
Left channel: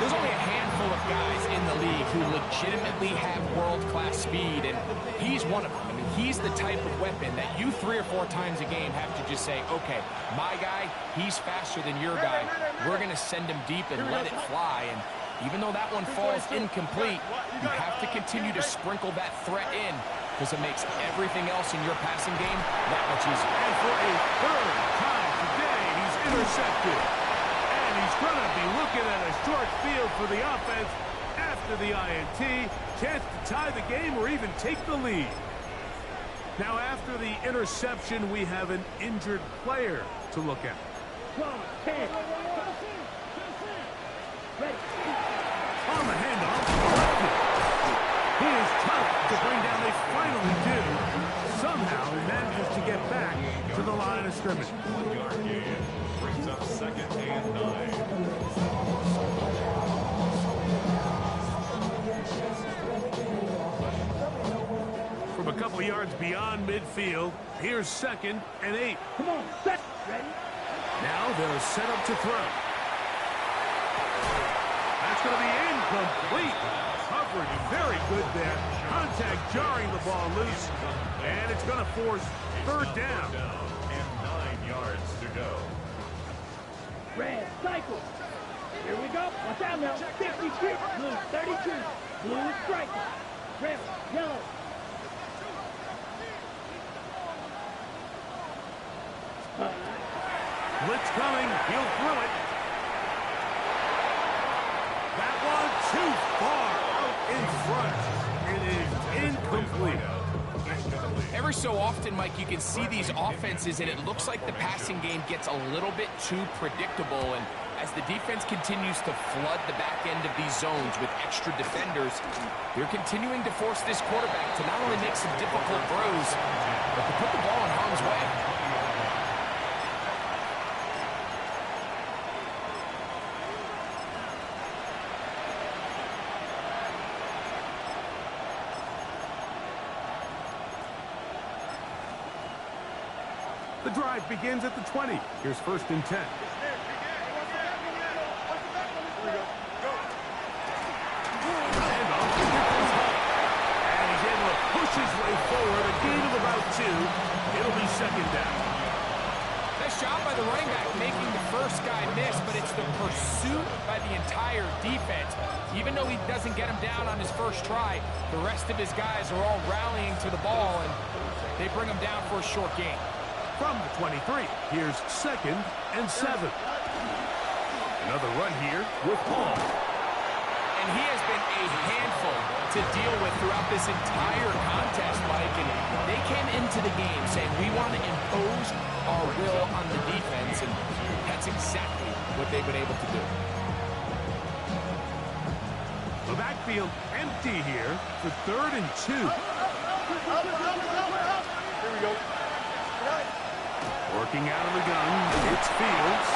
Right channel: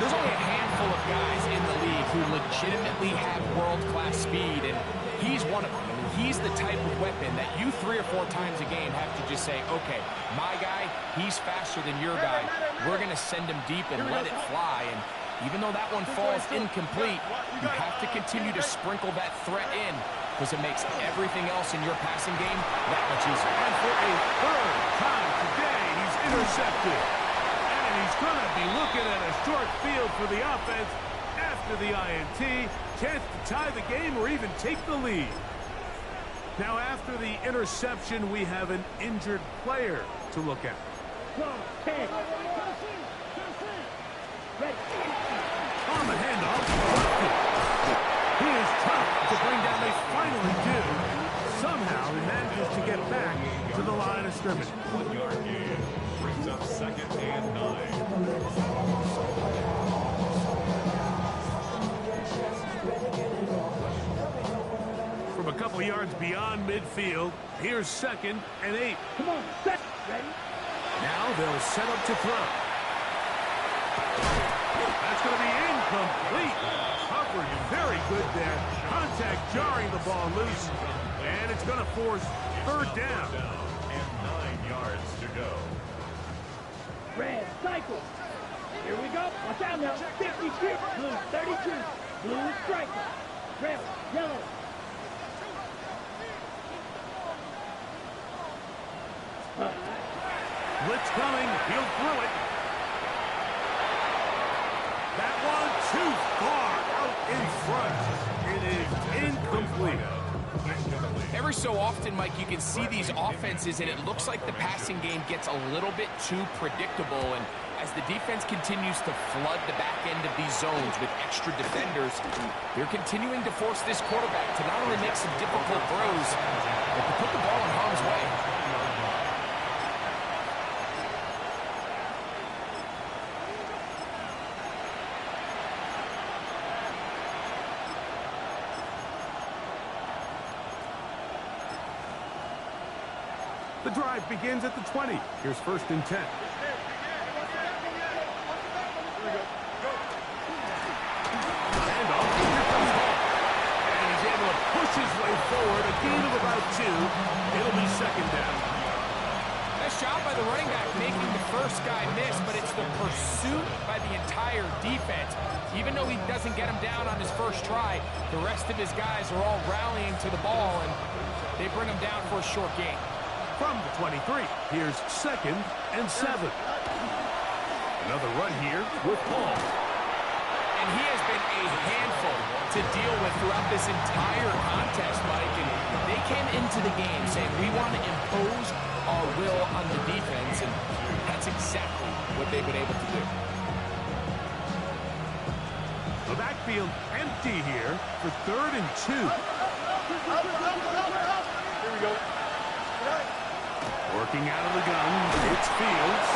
There's only a handful of guys in the league who legitimately have world-class speed, and he's one of them. I mean, he's the type of weapon that you 3 or 4 times a game have to just say, okay, my guy, he's faster than your guy. We're going to send him deep and let it fly. And even though that one falls incomplete, you have to continue to sprinkle that threat in, because it makes everything else in your passing game that much easier. And for a third time today, he's intercepted. And he's going to be looking at a short field for the offense after the INT. Chance to tie the game or even take the lead. Now, after the interception, we have an injured player to look at. 10. Ready. On the handoff, lefty. He is tough to bring down. They finally do. Somehow he manages to get back to the line of scrimmage. 1 yard gain. Brings up 2nd and 9. From a couple yards beyond midfield, here's 2nd and 8. Come on, set. Ready. Now they'll set up to throw. That's going to be incomplete. Coverage very good there. Contact jarring the ball loose. And it's going to force 3rd down. And 9 yards to go. Red, cycle. Here we go. Watch out now. 52. Blue, 32. Blue, striker. Red, yellow. Blitz coming. He'll throw it. That one too far out in front. It is incomplete. Every so often, Mike, you can see these offenses, and it looks like the passing game gets a little bit too predictable. And as the defense continues to flood the back end of these zones with extra defenders, they're continuing to force this quarterback to not only make some difficult throws, but to put the ball in harm's way. The drive begins at the 20. Here's 1st and 10. Handoff. Here comes Hall. And he's able to push his way forward. A gain of about 2. It'll be 2nd down. Nice job by the running back making the first guy miss, but it's the pursuit by the entire defense. Even though he doesn't get him down on his first try, the rest of his guys are all rallying to the ball, and they bring him down for a short gain. From the 23, here's 2nd and 7. Another run here with Paul. And he has been a handful to deal with throughout this entire contest, Mike. And they came into the game saying, we want to impose our will on the defense, and that's exactly what they've been able to do. The backfield empty here for 3rd and 2. Here we go. Working out of the gun, it's Fields.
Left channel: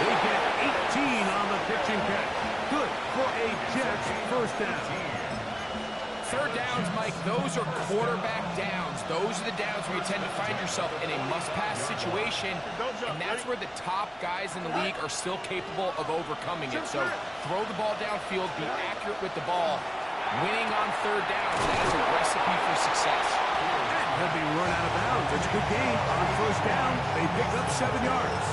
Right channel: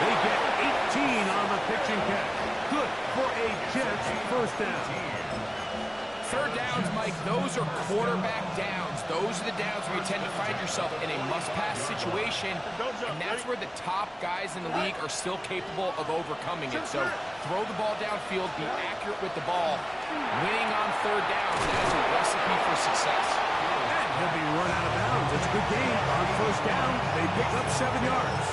They get 18 on the pitch and catch. Good for a Jets 1st down. 3rd downs, Mike, those are quarterback downs. Those are the downs where you tend to find yourself in a must-pass situation, and that's where the top guys in the league are still capable of overcoming it. So throw the ball downfield, be accurate with the ball. Winning on 3rd down, that is a recipe for success. And he'll be run out of bounds. It's a good game. On 1st down, they pick up 7 yards.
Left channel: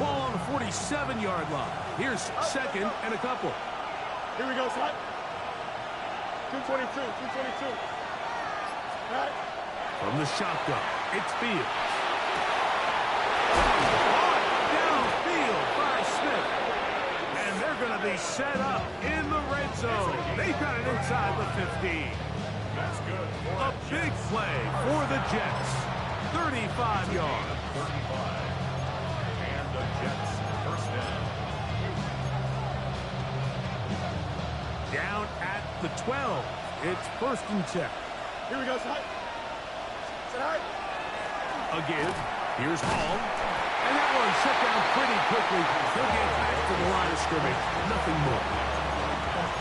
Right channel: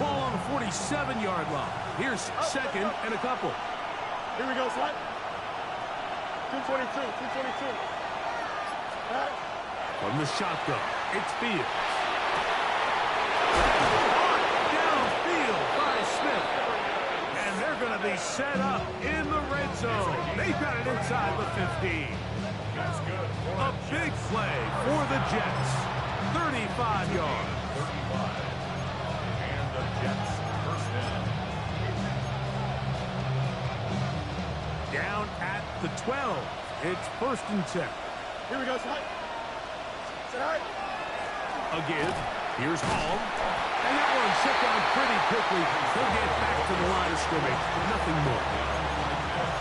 Ball on the 47-yard line. Here's 2nd and a couple. Here we go, slot. 222, 222. From the shotgun, it's Fields. Caught downfield by Smith. And they're going to be set up in the red zone. They've got it inside the 15. That's good. A big play for the Jets. 35 yards. 35. And the Jets first down. Down at the 12. It's 1st and 10. Here we go, side. Side. Again, here's Hall. And that one shut down pretty quickly. He'll get back to the line of scrimmage. Nothing more.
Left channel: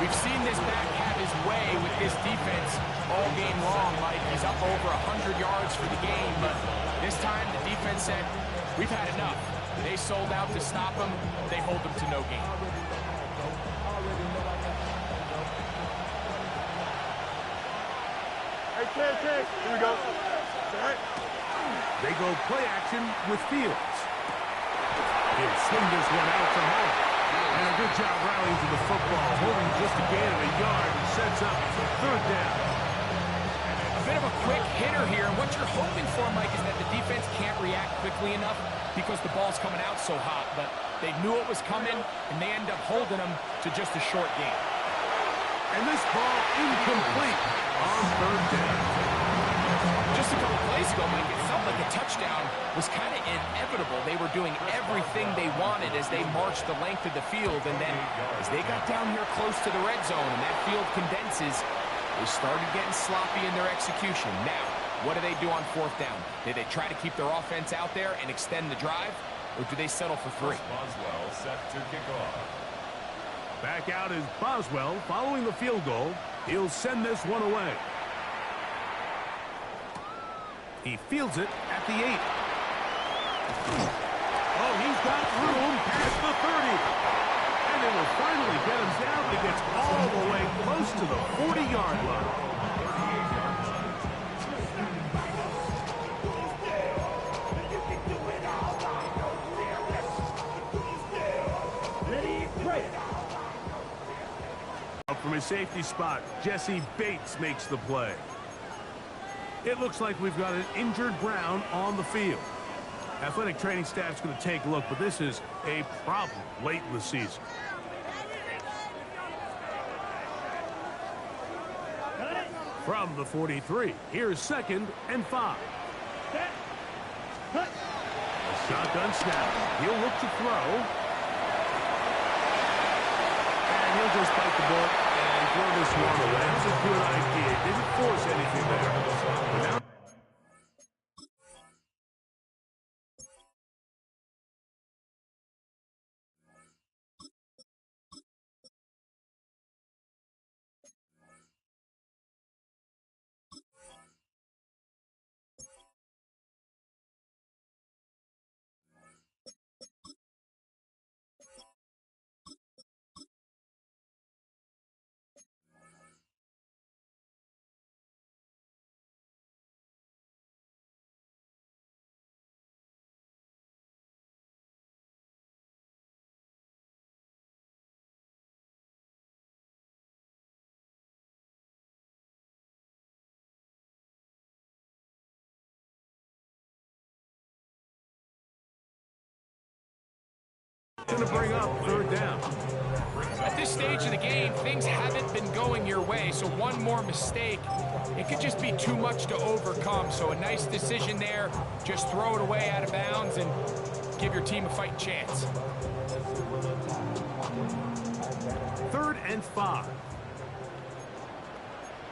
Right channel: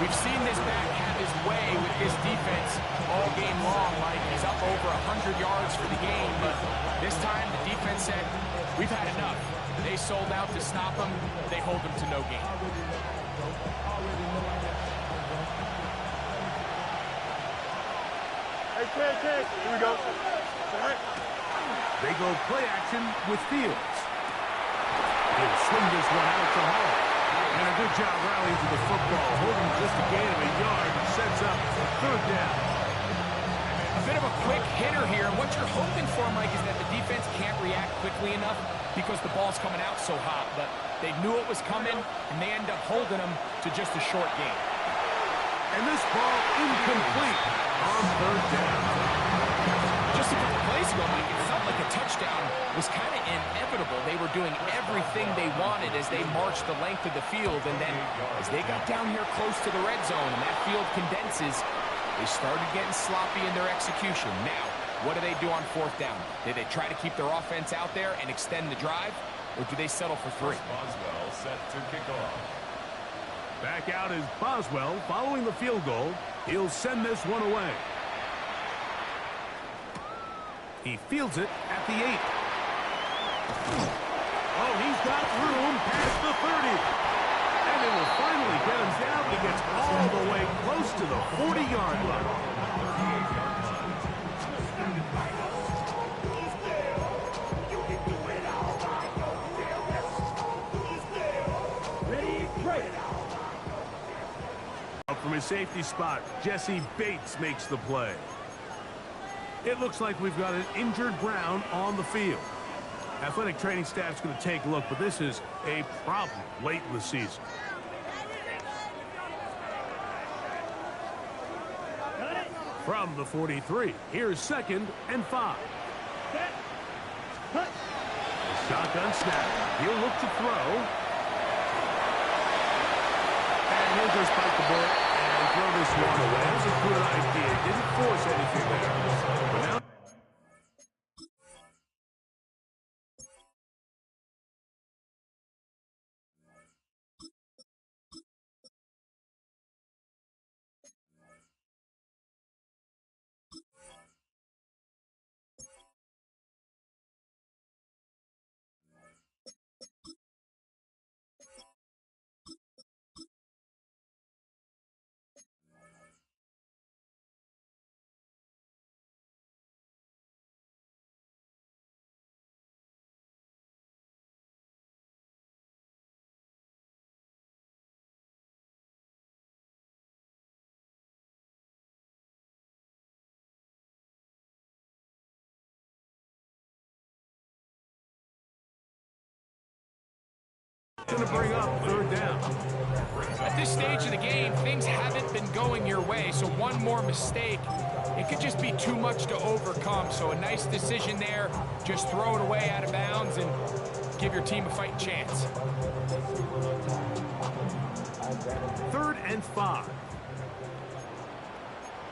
We've seen this back have his way with this defense all game long, Mike. He's up over 100 yards for the game, but this time the defense said, we've had enough. They sold out to stop him. They hold him to no gain. Hey, kid. Here we go. Side. They go play action with Fields. He'll swing this one out to Hall. And a good job rallying to the football, holding just a gain of a yard and sets up 3rd down. A bit of a quick hitter here, and what you're hoping for, Mike, is that the defense can't react quickly enough because the ball's coming out so hot, but they knew it was coming, and they end up holding them to just a short gain. And this ball incomplete on 3rd down. Just a couple plays ago, Mike, it felt like a touchdown was kind of inevitable. They were doing everything they wanted as they marched the length of the field, and then as they got down here close to the red zone and that field condenses, they started getting sloppy in their execution. Now, what do they do on 4th down? Do they try to keep their offense out there and extend the drive, or do they settle for 3? Boswell set to kick off. Back out is Boswell following the field goal. He'll send this one away. He fields it at the 8. Oh, he's got room past the 30. And it will finally get him down, but he gets all the way close to the 40-yard line. 38-yard line. Ready, break. Up from his safety spot, Jesse Bates makes the play. It looks like we've got an injured Brown on the field. Athletic training staff's going to take a look, but this is a problem late in the season. Got it. From the 43, here's 2nd and 5. Set. Cut. A shotgun snap. He'll look to throw. And he'll just bite the bullet and throw this one away. That was a good idea. Didn't force anything there. But now going to bring up 3rd down. At this stage of the game, things haven't been going your way, so one more mistake, it could just be too much to overcome. So a nice decision there, just throw it away out of bounds and give your team a fighting chance. 3rd and 5.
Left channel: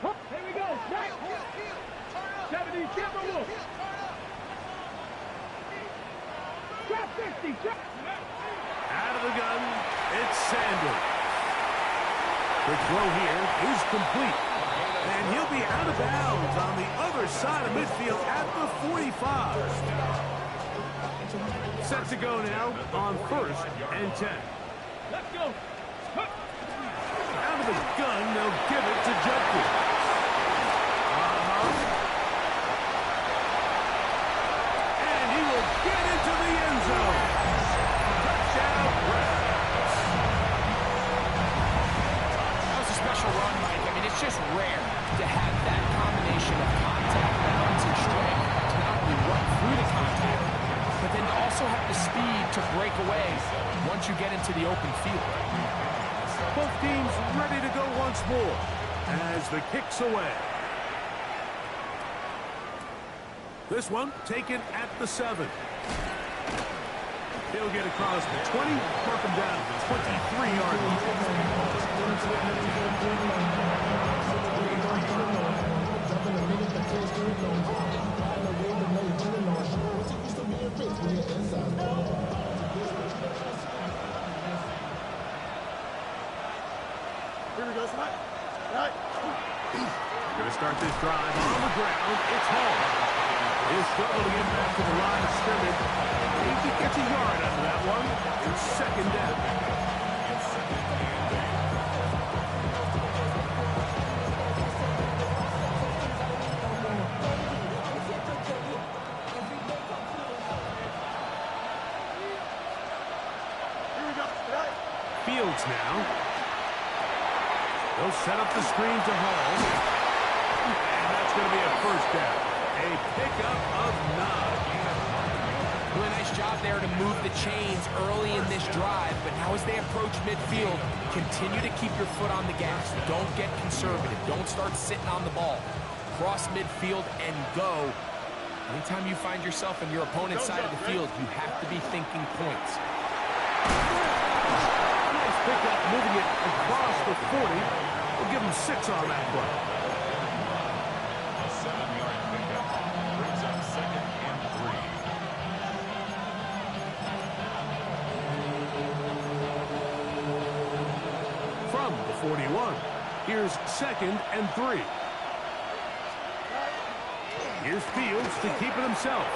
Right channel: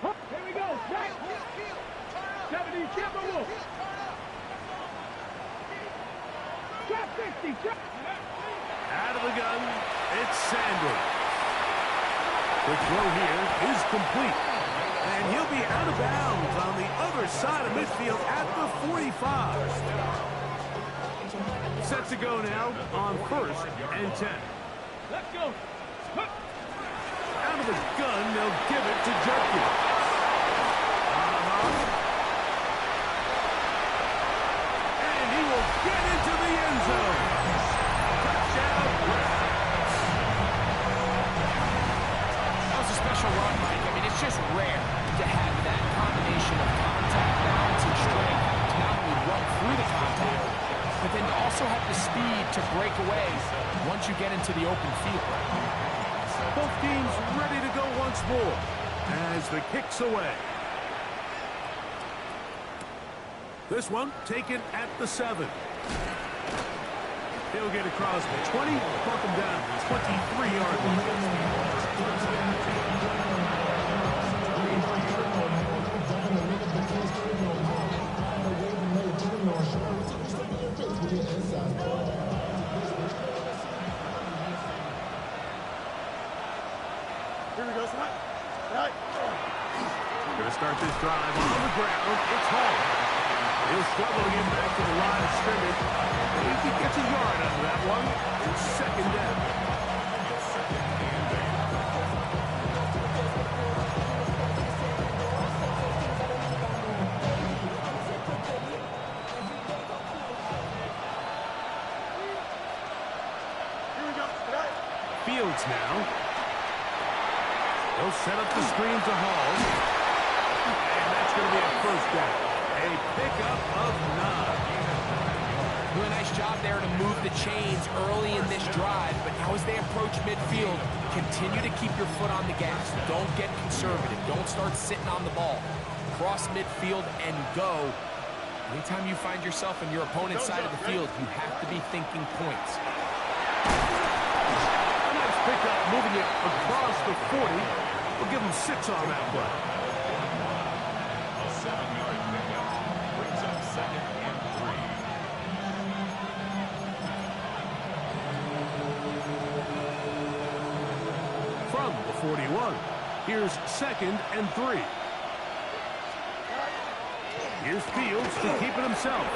Here we go. Right. 70, Timberwolves. Trap 50. Trap. Out of the gun, it's Sanders. Quick throw here is complete. And he'll be out of bounds on the other side of midfield at the 45. Set to go now on 1st and 10. Let's go. Out of the gun, they'll give it to Judkins. And he will get into the end zone. Touchdown, Browns. That was a special run, Mike. I mean, it's just rare to have that combination of contact balance and strength to not only run through the contact, but then to also have the speed to break away once you get into the open field. Both teams ready to go once more as the kick's away. This one taken at the 7. He'll get across the 20, mark him down at the 23-yard line. Here we go, Scott. Right. Going to start this drive on the ground. It's Hall. He'll struggle to get back to the line of scrimmage. If he gets a yard out of that one, it's second down. Here we go. Right. Fields now. They'll set up the screen to Hall. And that's going to be a first down. A pickup of 9. Doing a nice job there to move the chains early in this drive, but now as they approach midfield, continue to keep your foot on the gas. Don't get conservative. Don't start sitting on the ball. Cross midfield and go. Anytime you find yourself on your opponent's side of the field, you have to be thinking points. A nice pickup, moving it across the 40. We'll give him 6 on that play. A 7-yard pickup brings up 2nd and 3. From the 41, here's 2nd and 3. Here's Fields to keep it himself.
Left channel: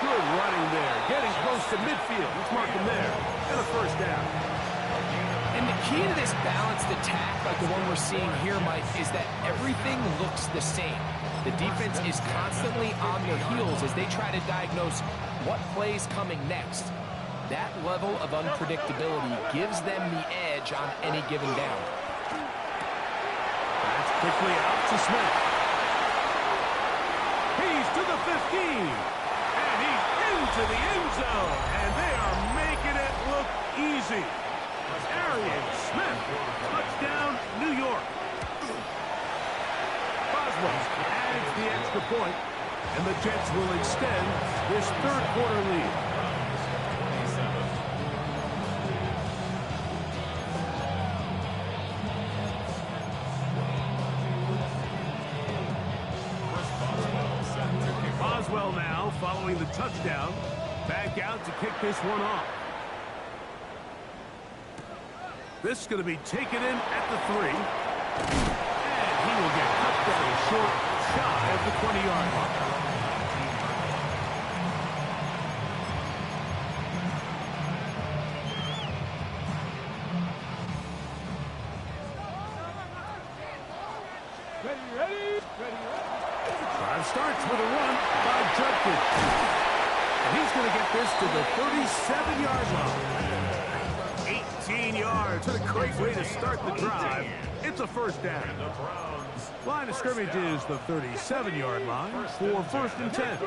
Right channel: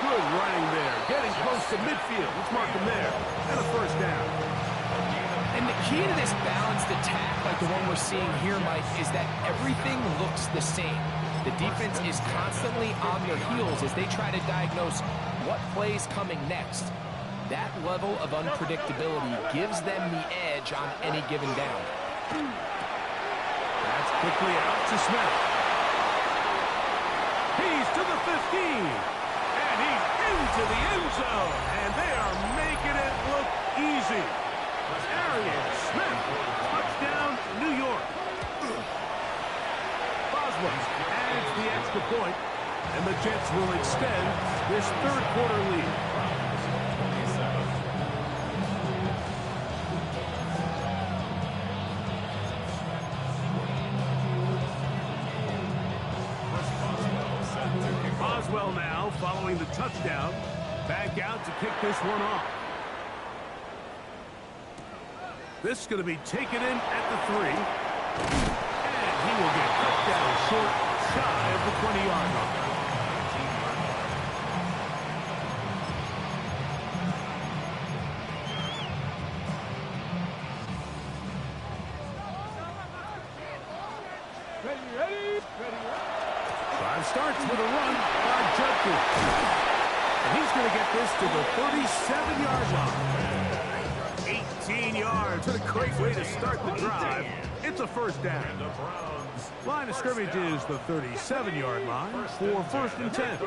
Good running there, getting close to midfield. Let's mark him there. And a first down. And the key to this balanced attack, like the one we're seeing here, Mike, is that everything looks the same. The defense is constantly on their heels as they try to diagnose what play's coming next. That level of unpredictability gives them the edge on any given down. That's quickly out to Smith. He's to the 15. And he's into the end zone. And they are making it look easy. Arian Smith, touchdown, New York. Boswell adds the extra point, and the Jets will extend this third quarter lead. Boswell now following the touchdown, back out to kick this one off. This is going to be taken in at the 3. And he will get cut down short, shy of the 20-yard line. Ready. Drive starts with a run by Judkins. And he's going to get this to the 37-yard line. 18 yards. What a great way to start the drive. It's a first down. Line of scrimmage is the 37-yard line for 1st and 10.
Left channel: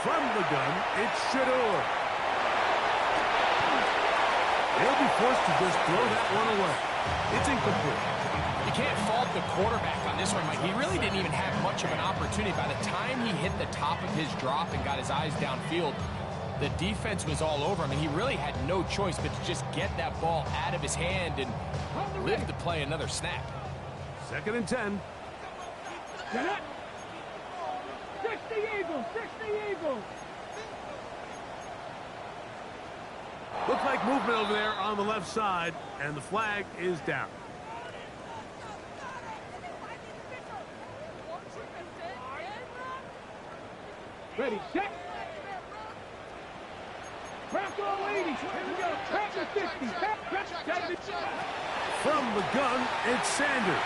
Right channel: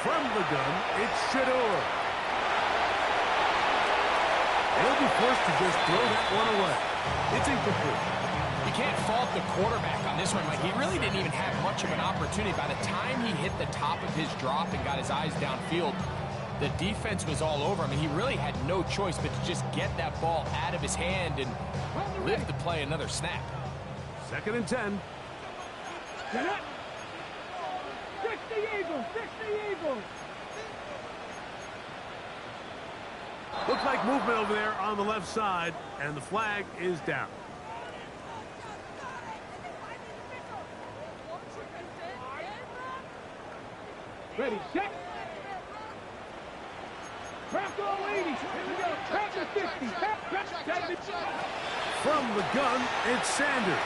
From the gun, it's Shador. He'll be forced to just throw that one away. It's incomplete. You can't fault the quarterback on this one, Mike. He really didn't even have much of an opportunity. By the time he hit the top of his drop and got his eyes downfield, the defense was all over him, and he really had no choice but to just get that ball out of his hand and live to play another snap. 2nd and 10. Get up. 60 Eagles. Looks like movement over there on the left side, and the flag is down. Ready, set. Crack all 80. Here we go. Crack the 50. From the gun, it's Sanders.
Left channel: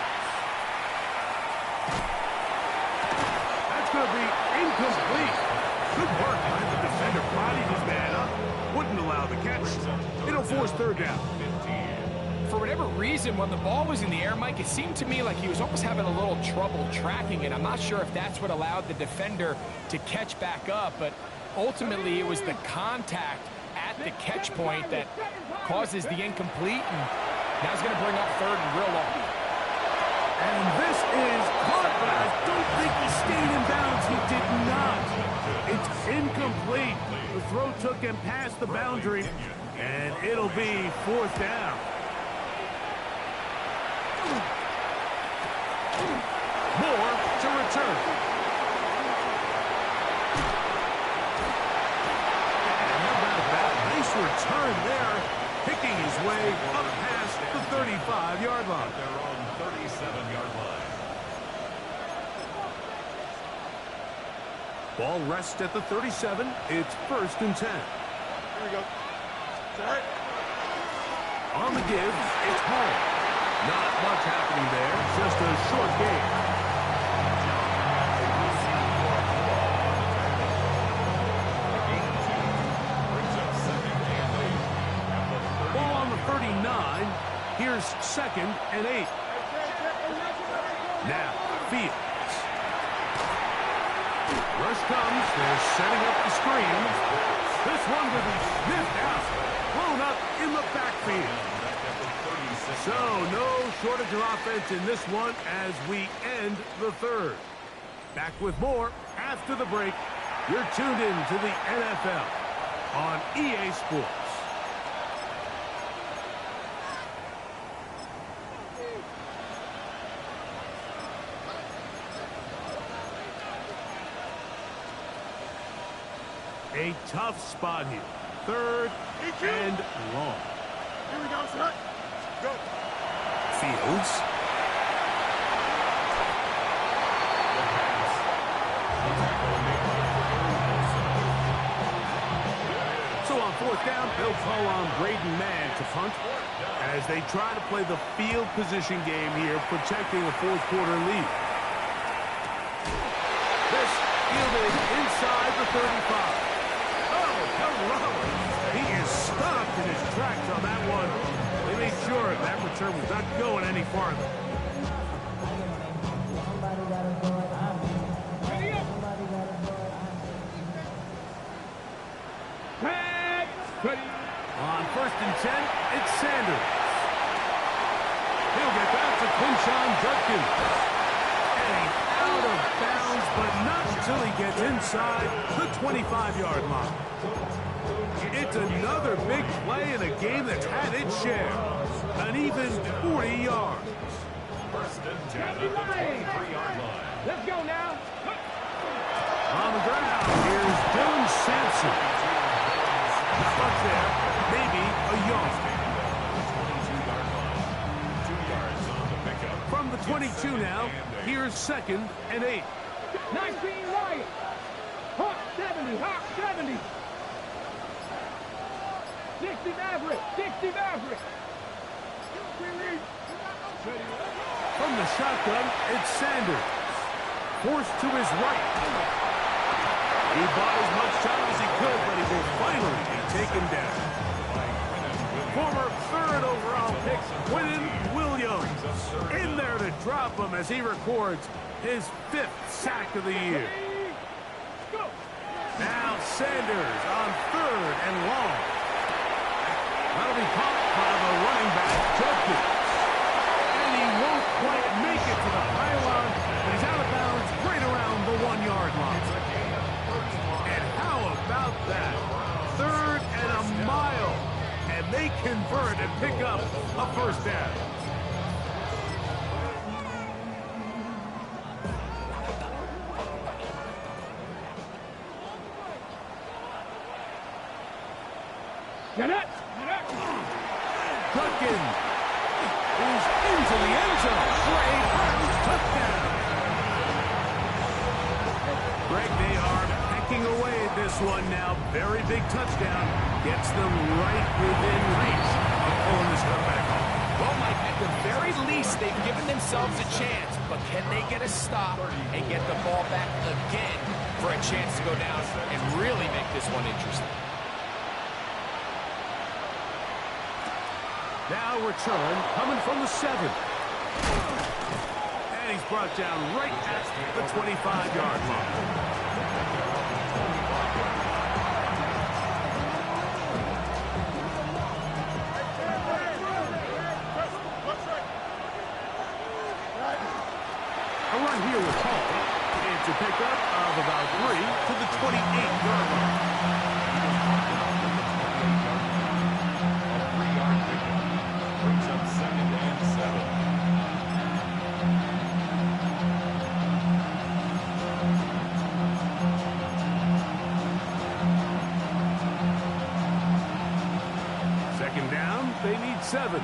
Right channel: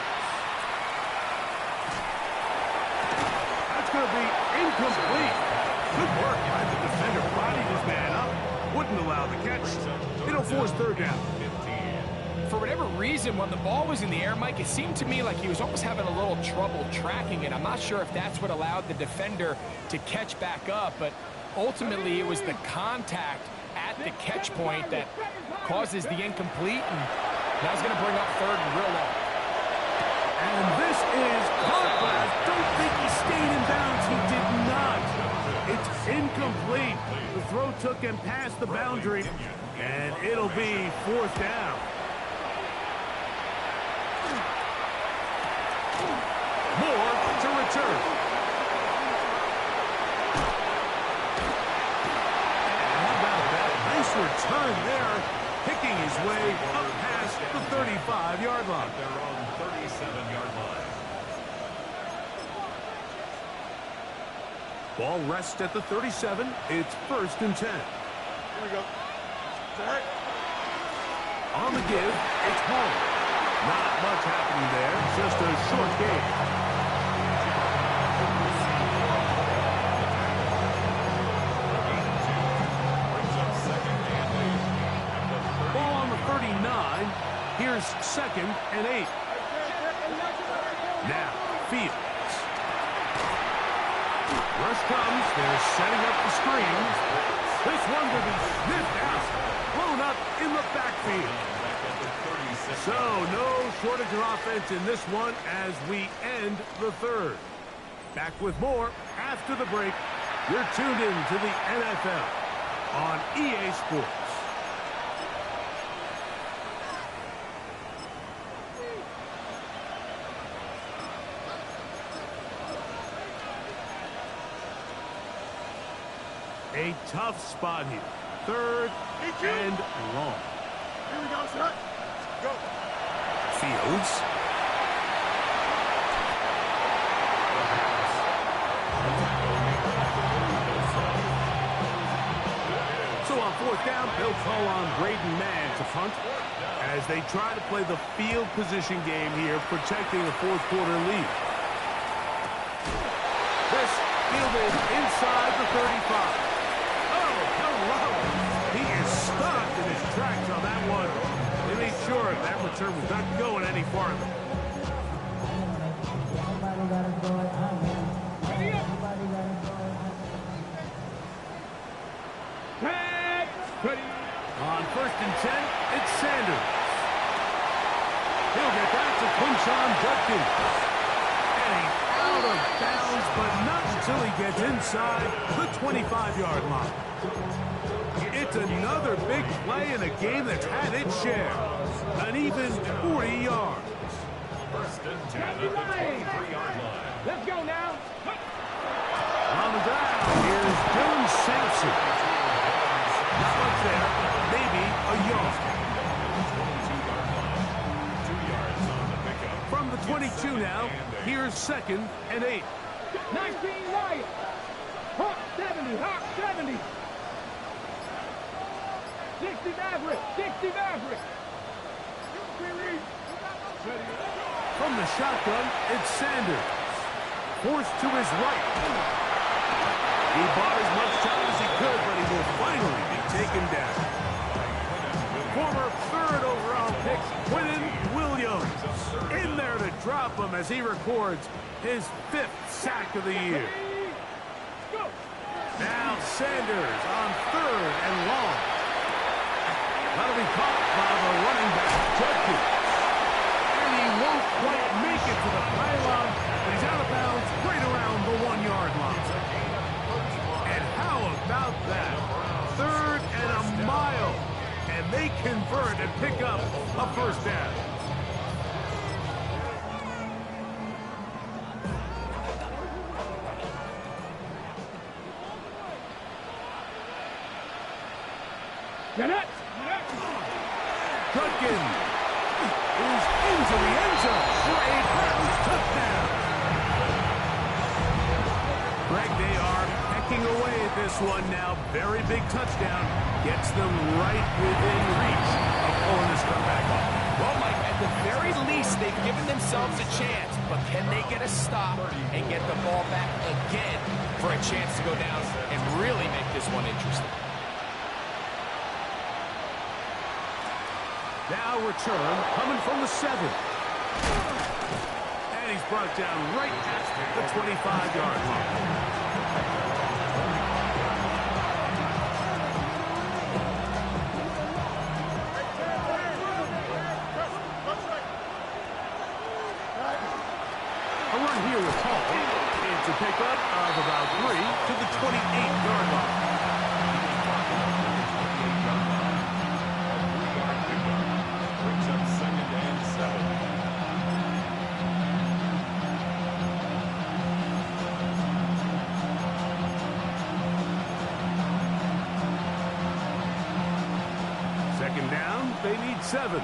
It's going to be incomplete. Good work by the defender. Bodied his man up. Wouldn't allow the catch. It'll force third down. For whatever reason, when the ball was in the air, Mike, it seemed to me like he was almost having a little trouble tracking it. I'm not sure if that's what allowed the defender to catch back up, but ultimately it was the contact at the catch point that causes the incomplete, and now he's going to bring up third and real long. And this is caught, but I don't think he stayed in bounds. He did not. It's incomplete. The throw took him past the boundary, and it'll be fourth down. Moore to return. And how about that? Nice return there, picking his way up past the 35-yard line. Their own 37-yard line. Ball rests at the 37. It's 1st and 10. Here we go. Set. On the give, it's home. Not much happening there, just a short game. Ball on the 39. Here's 2nd and 8. Now, Fields. Rush comes. They're setting up the screen. This one will be sniffed out. Blown up in the backfield. So, no shortage of offense in this one as we end the third. Back with more after the break. You're tuned in to the NFL on EA Sports. A tough spot here. 3rd and long. Here we go, set. Go. Fields. So on 4th down, they'll call on Braden Mann to punt as they try to play the field position game here, protecting a 4th quarter lead. This fielded inside the 35. Oh, hello. He is stopped in his tracks on that one. They made sure that return was not going any farther. On 1st and 10, it's Sanders. He'll get that to Quinshon Judkins. And he's out of bounds, but not until he gets inside the 25-yard line. It's another big play in a game that's had its share. An even 40 yards. 1st and 10 at the 23-yard line. Let's go now. On the ground, here's Dylan Sampson. Not much there. Maybe a yard. 22-yard line. 2 yards on the pickup. From the 22 now, here's 2nd and 8. 19 Lions. Hawk 70. Hawk 70. 60 Maverick. 60 Maverick. From the shotgun, it's Sanders. Forced to his right. He bought as much time as he could, but he will finally be taken down. Former 3rd overall pick, Quinnen Williams, in there to drop him as he records his 5th sack of the year. Now Sanders on 3rd and long. That'll be caught by the running back, Judkins. And he won't quite make it to the pylon, but he's out of bounds right around the 1-yard line. And how about that? 3rd and a mile. And they convert and pick up a 1st down. Get it. Judkins is into the end zone for a Browns touchdown. Greg, they are pecking away at this one now. Very big touchdown. Gets them right within reach of pulling this comeback off. Well, Mike, at the very least, they've given themselves a chance, but can they get a stop and get the ball back again for a chance to go down and really make this one interesting? Now return coming from the 7. And he's brought down right at the 25-yard line. A run here with Hall. It's a pickup of about 3 to the 28-yard line. A 3-yard pickup brings up 2nd and 7. Second down, they need 7.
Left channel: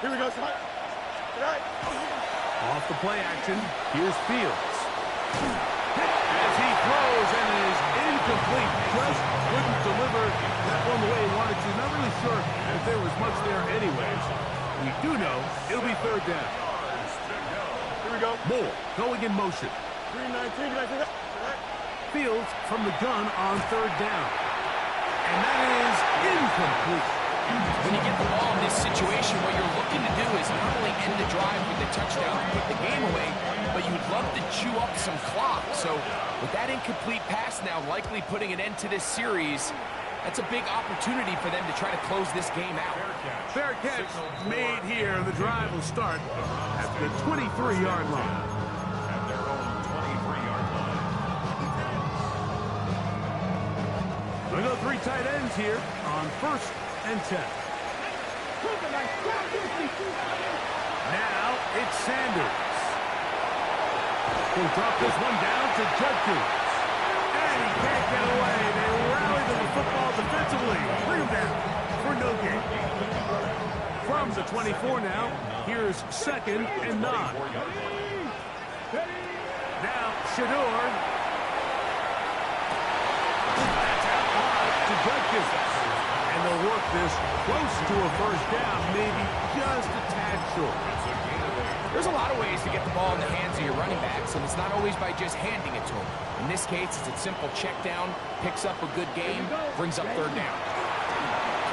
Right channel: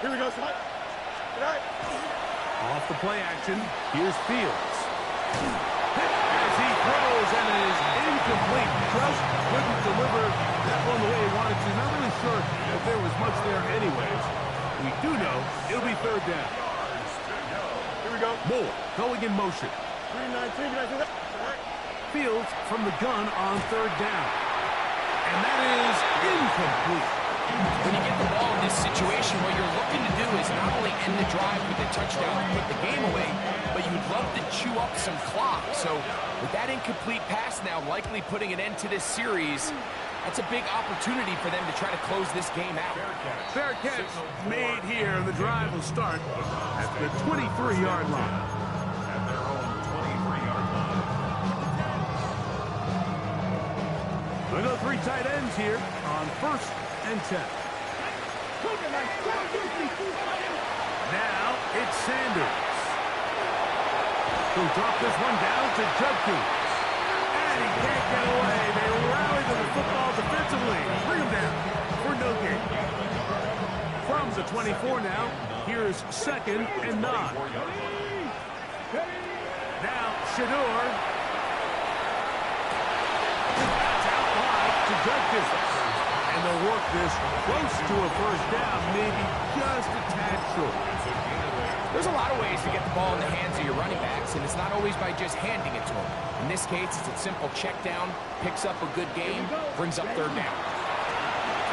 Here we go, son. Good night. Off the play action, here's Fields. Hit as he throws, and it is incomplete. Just couldn't deliver that one the way he wanted to. Not really sure if there was much there anyways. We do know it'll be 3rd down. Here we go. Moore going in motion. 319. Did I say that? Fields from the gun on 3rd down. And that is incomplete. When you get the ball in this situation, what you're looking to do is not only end the drive with a touchdown to put the game away, but you'd love to chew up some clock. So with that incomplete pass now likely putting an end to this series, that's a big opportunity for them to try to close this game out. Fair catch made here. The drive will start at the 23-yard line. At their own 23-yard line. We'll go 3 tight ends here on 1st and 10. Now it's Sanders. He'll drop this one down to Judkins. And he can't get away. They rally to the football defensively. Bring him down for no gain. From the 24 now, here's 2nd and 9. Now Shador. That's out wide to Judkins. And they'll work this close to a 1st down, maybe just a tad short. There's a lot of ways to get the ball in the hands of your running backs, and it's not always by just handing it to them. In this case, it's a simple check down, picks up a good game, brings up 3rd down.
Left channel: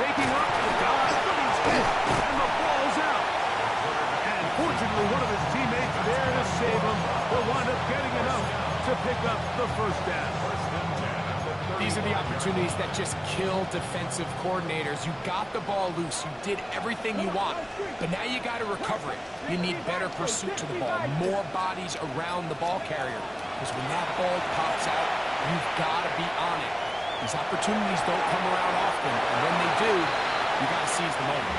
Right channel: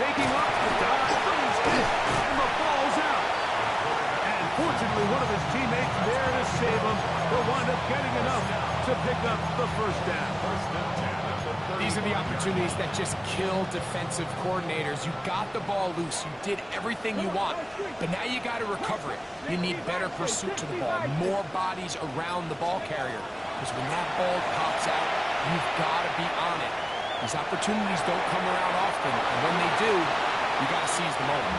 Taking up the dodge, he's hit, and the ball's out. And fortunately, one of his teammates there to save him will wind up getting enough to pick up the 1st down. These are the opportunities that just kill defensive coordinators. You got the ball loose. You did everything you want. But now you got to recover it. You need better pursuit to the ball, more bodies around the ball carrier. Because when that ball pops out, you've got to be on it. These opportunities don't come around often. And when they do, you got to seize the moment.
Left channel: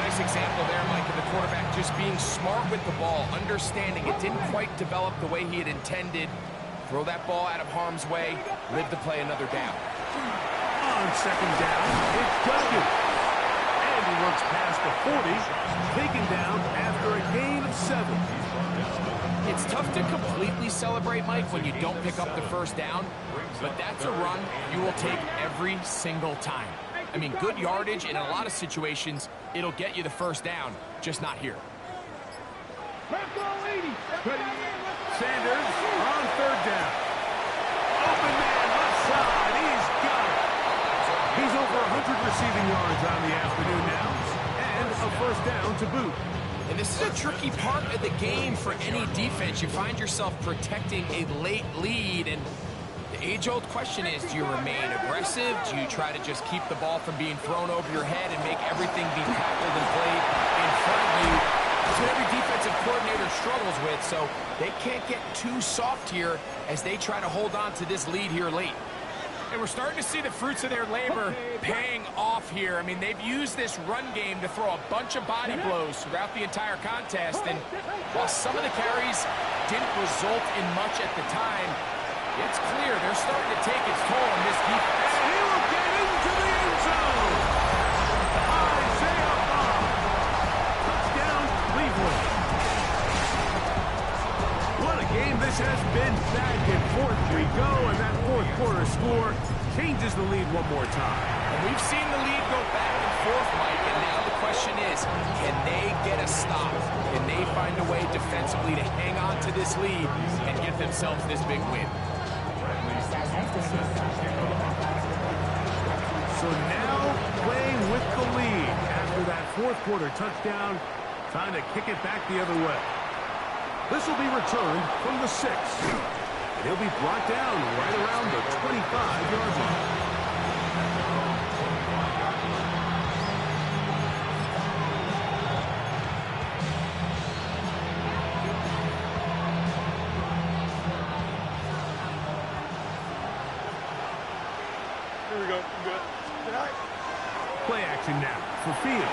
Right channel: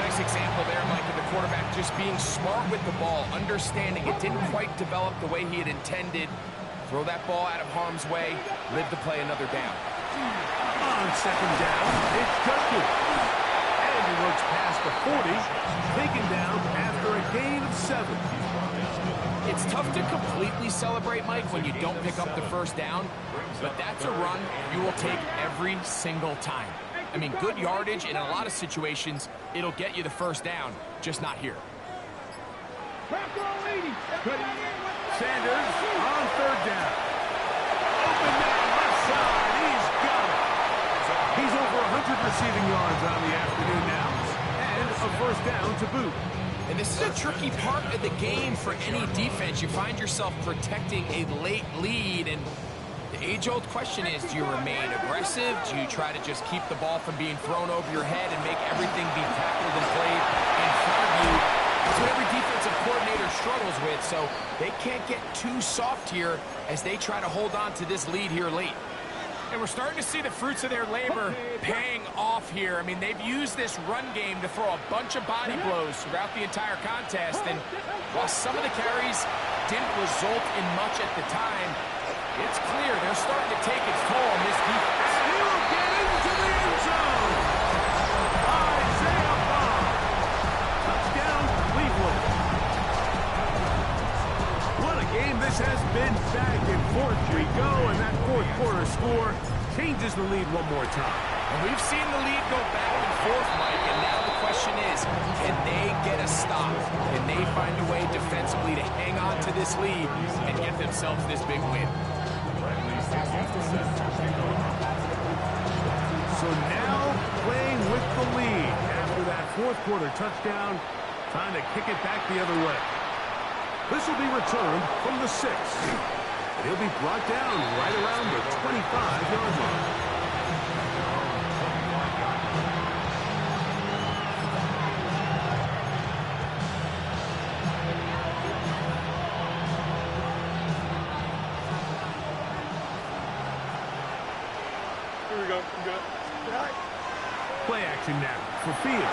Nice example there, Mike, of the quarterback just being smart with the ball, understanding it didn't quite develop the way he had intended. Throw that ball out of harm's way, live to play another down. On 2nd down, it's Judkins. And he works past the 40, taken down after a gain of 7. It's tough to completely celebrate, Mike, when you don't pick up the 1st down, but that's a run you will take every single time. I mean, good yardage, and in a lot of situations, it'll get you the 1st down, just not here. Sanders on 3rd down. Open man, left side. He's got it. He's over 100 receiving yards on the afternoon now. And a 1st down to boot. And this is a tricky part of the game for any defense. You find yourself protecting a late lead, and the age-old question is, do you remain aggressive? Do you try to just keep the ball from being thrown over your head and make everything be tackled and played in front of you? That's what every defensive coordinator struggles with, so they can't get too soft here as they try to hold on to this lead here late. And we're starting to see the fruits of their labor paying off here. I mean, they've used this run game to throw a bunch of body blows throughout the entire contest, and while some of the carries didn't result in much at the time, it's clear they're starting to take its toll on this defense. And he will get into the end zone. Isaiah Bond. Touchdown, Cleveland. What a game this has been. Back and forth we go, and that 4th quarter score changes the lead one more time. And we've seen the lead go back and 4th, Mike, and now the question is, can they get a stop? Can they find a way defensively to hang on to this lead and get themselves this big win? So now playing with the lead after that 4th quarter touchdown, trying to kick it back the other way. This will be returned from the 6. And he'll be brought down right around the 25-yard line. Here we go. I'm good. Right. Play action now for Fields.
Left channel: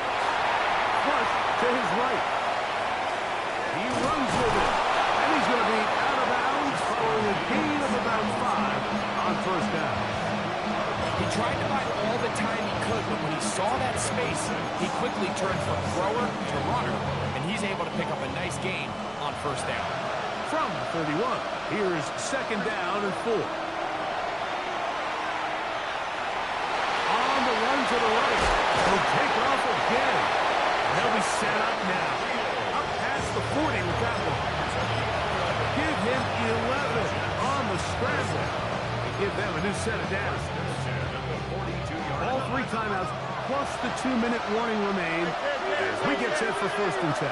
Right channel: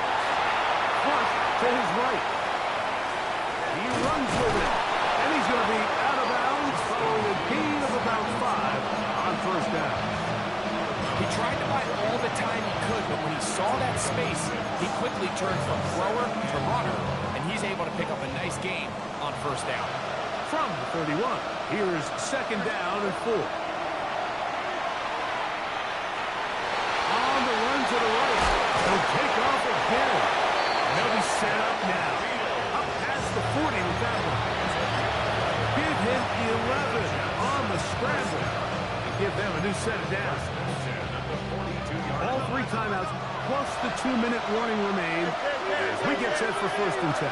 Flush to his right. He runs with it. And he's going to be out of bounds following a gain of about 5 on 1st down. He tried to buy all the time he could, but when he saw that space, he quickly turned from thrower to runner, and he's able to pick up a nice gain on 1st down. From the 31, here's 2nd down and 4. On the run to the right. He'll take off again. And they'll be set up now. Up past the 40 with that one. Give him 11 on the scramble. And give them a new set of downs. All 3 timeouts plus the 2-minute warning remain as we get set for 1st and 10.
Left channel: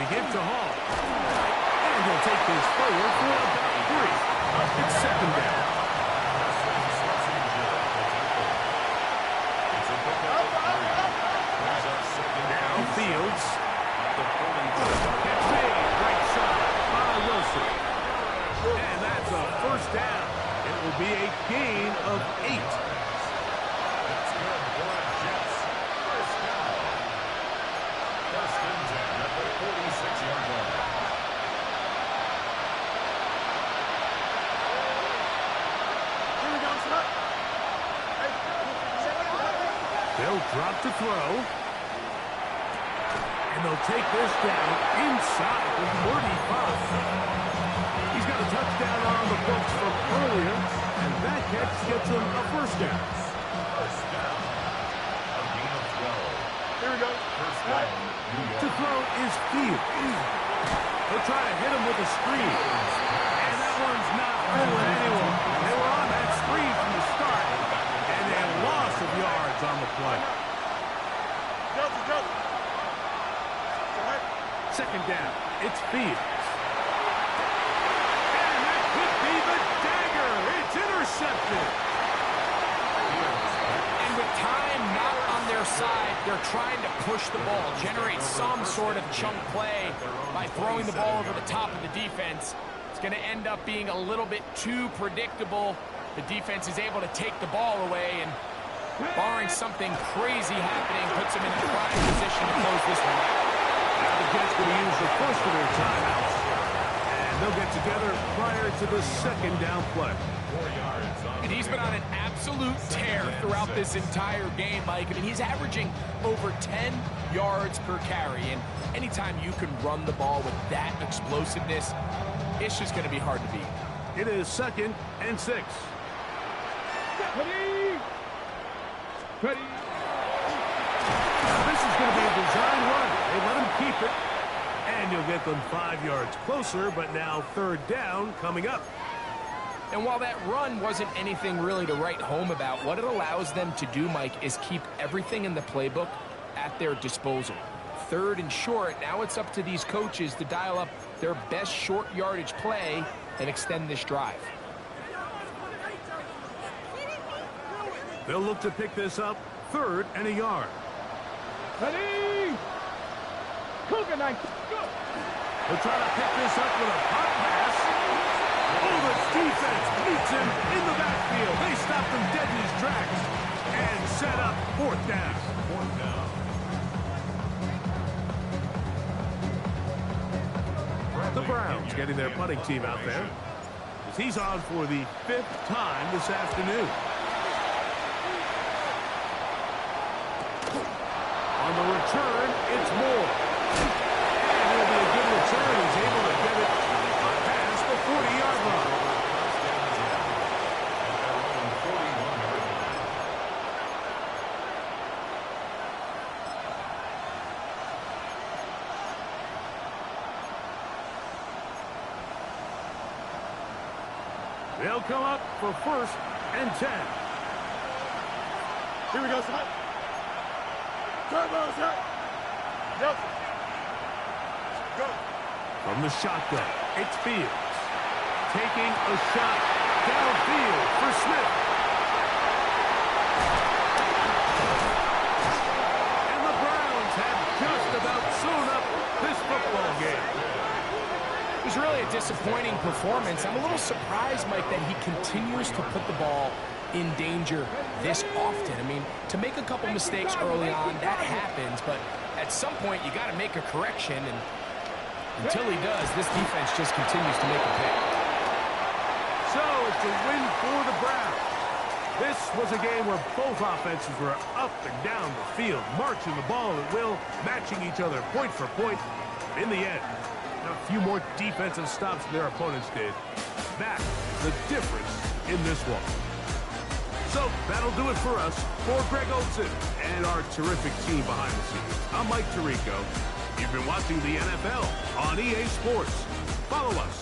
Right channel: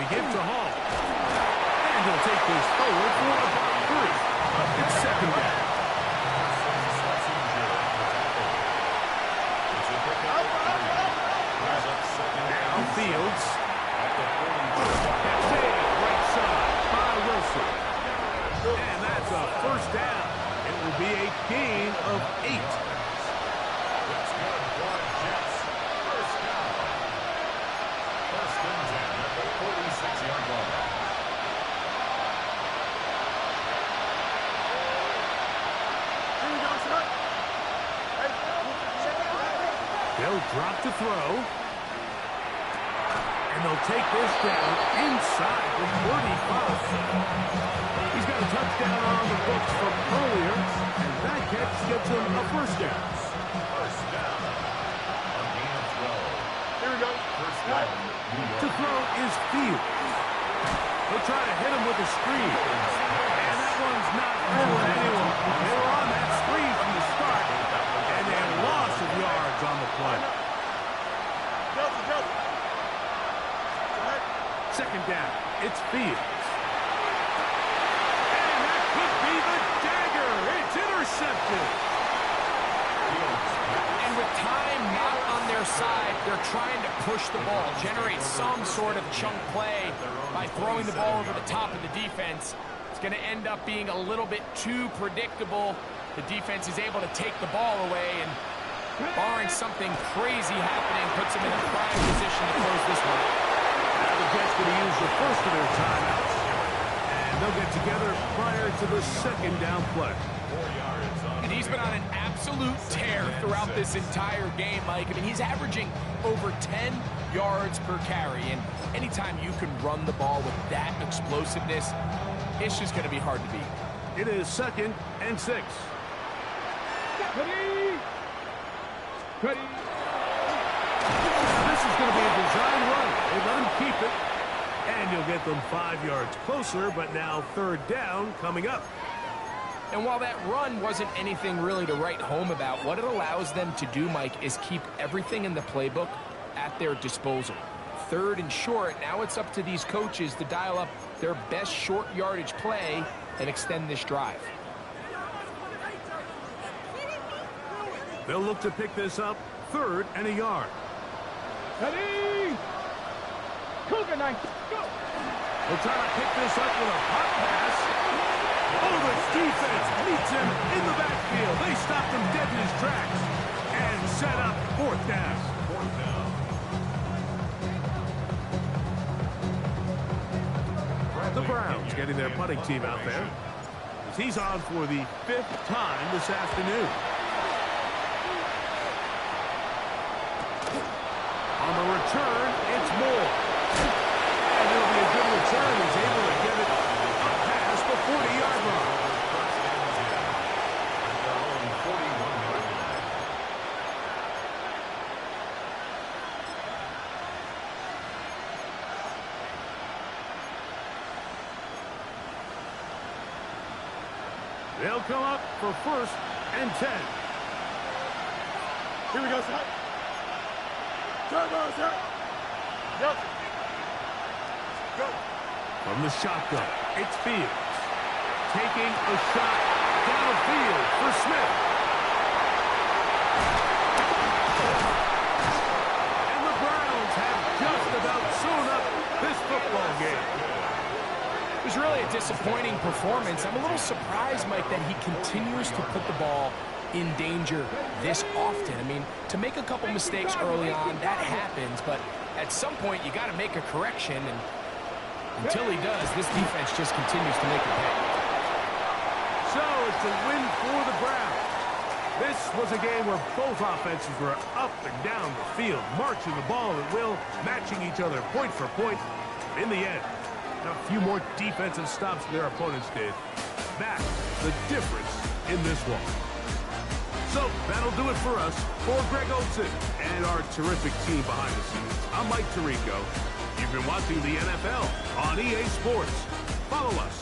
We give to Hall. And he'll take this forward for about 3. Up at 2nd down. Now Fields. Gets made right side by Wilson. And that's a 1st down. It will be a gain of 8. That's good for the Jets. 1st down. 1st and 10 at the 46-yard line. Here we go, son. Hey, They'll drop to throw. And they'll take this down inside the 35. He's got a touchdown on the books from earlier, and that catch gets him a 1st down. 1st down. A gain of 12. Here we go. 1st down. New York. To throw is Fields. They'll try to hit him with a screen. And that one's not fooling anyone. They were on that screen from the start, and a loss of yards on the play. Delta. 2nd down. It's Fields. And that could be the dagger. It's intercepted. And with time not on their side, they're trying to push the ball, generate some sort of chunk play by throwing the ball over the top of the defense. It's going to end up being a little bit too predictable. The defense is able to take the ball away, and barring something crazy happening, puts them in a prime position to close this one out. Now the Jets going to use the first of their timeouts. And they'll get together prior to the 2nd down play. 4 yards on. And he's been on an absolute tear throughout this entire game, Mike. I mean, he's averaging over 10 yards per carry. And anytime you can run the ball with that explosiveness, it's just going to be hard to beat. It is 2nd and 6. Ready. Now this is going to be a design run. They let him keep it. And you'll get them 5 yards closer, but now 3rd down coming up. And while that run wasn't anything really to write home about, what it allows them to do, Mike, is keep everything in the playbook at their disposal. 3rd and short, now it's up to these coaches to dial up their best short yardage play and extend this drive. They'll look to pick this up 3rd and a yard. Ready. Cougar 9. Go. They'll try to pick this up with a pop pass. Oh, the defense meets him in the backfield. They stopped him dead in his tracks and set up 4th down. 4th down. The Browns getting their punting team out there as he's on for the 5th time this afternoon. On the return, it's Moore. And it'll be a good return. He's able to get it up past the 40-yard line. First and 10 at their own 41-yard line. They'll come up for 1st and 10. Here we go, son. Turbo, sir. Yep. Go. From the shotgun, it's Fields. Taking a shot downfield for Smith. And the Browns have just about sewn up this football game. It was really a disappointing performance. I'm a little surprised, Mike, that he continues to put the ball in danger this often. I mean, to make a couple mistakes early on, that happens, but at some point you got to make a correction, and until he does, this defense just continues to make him pay. So it's a win for the Browns. This was a game where both offenses were up and down the field, marching the ball at will, matching each other point for point. In the end, a few more defensive stops than their opponents did. That's the difference in this one. So that'll do it for us. For Greg Olson and our terrific team behind the scenes, I'm Mike Tirico. You've been watching the NFL on EA Sports. Follow us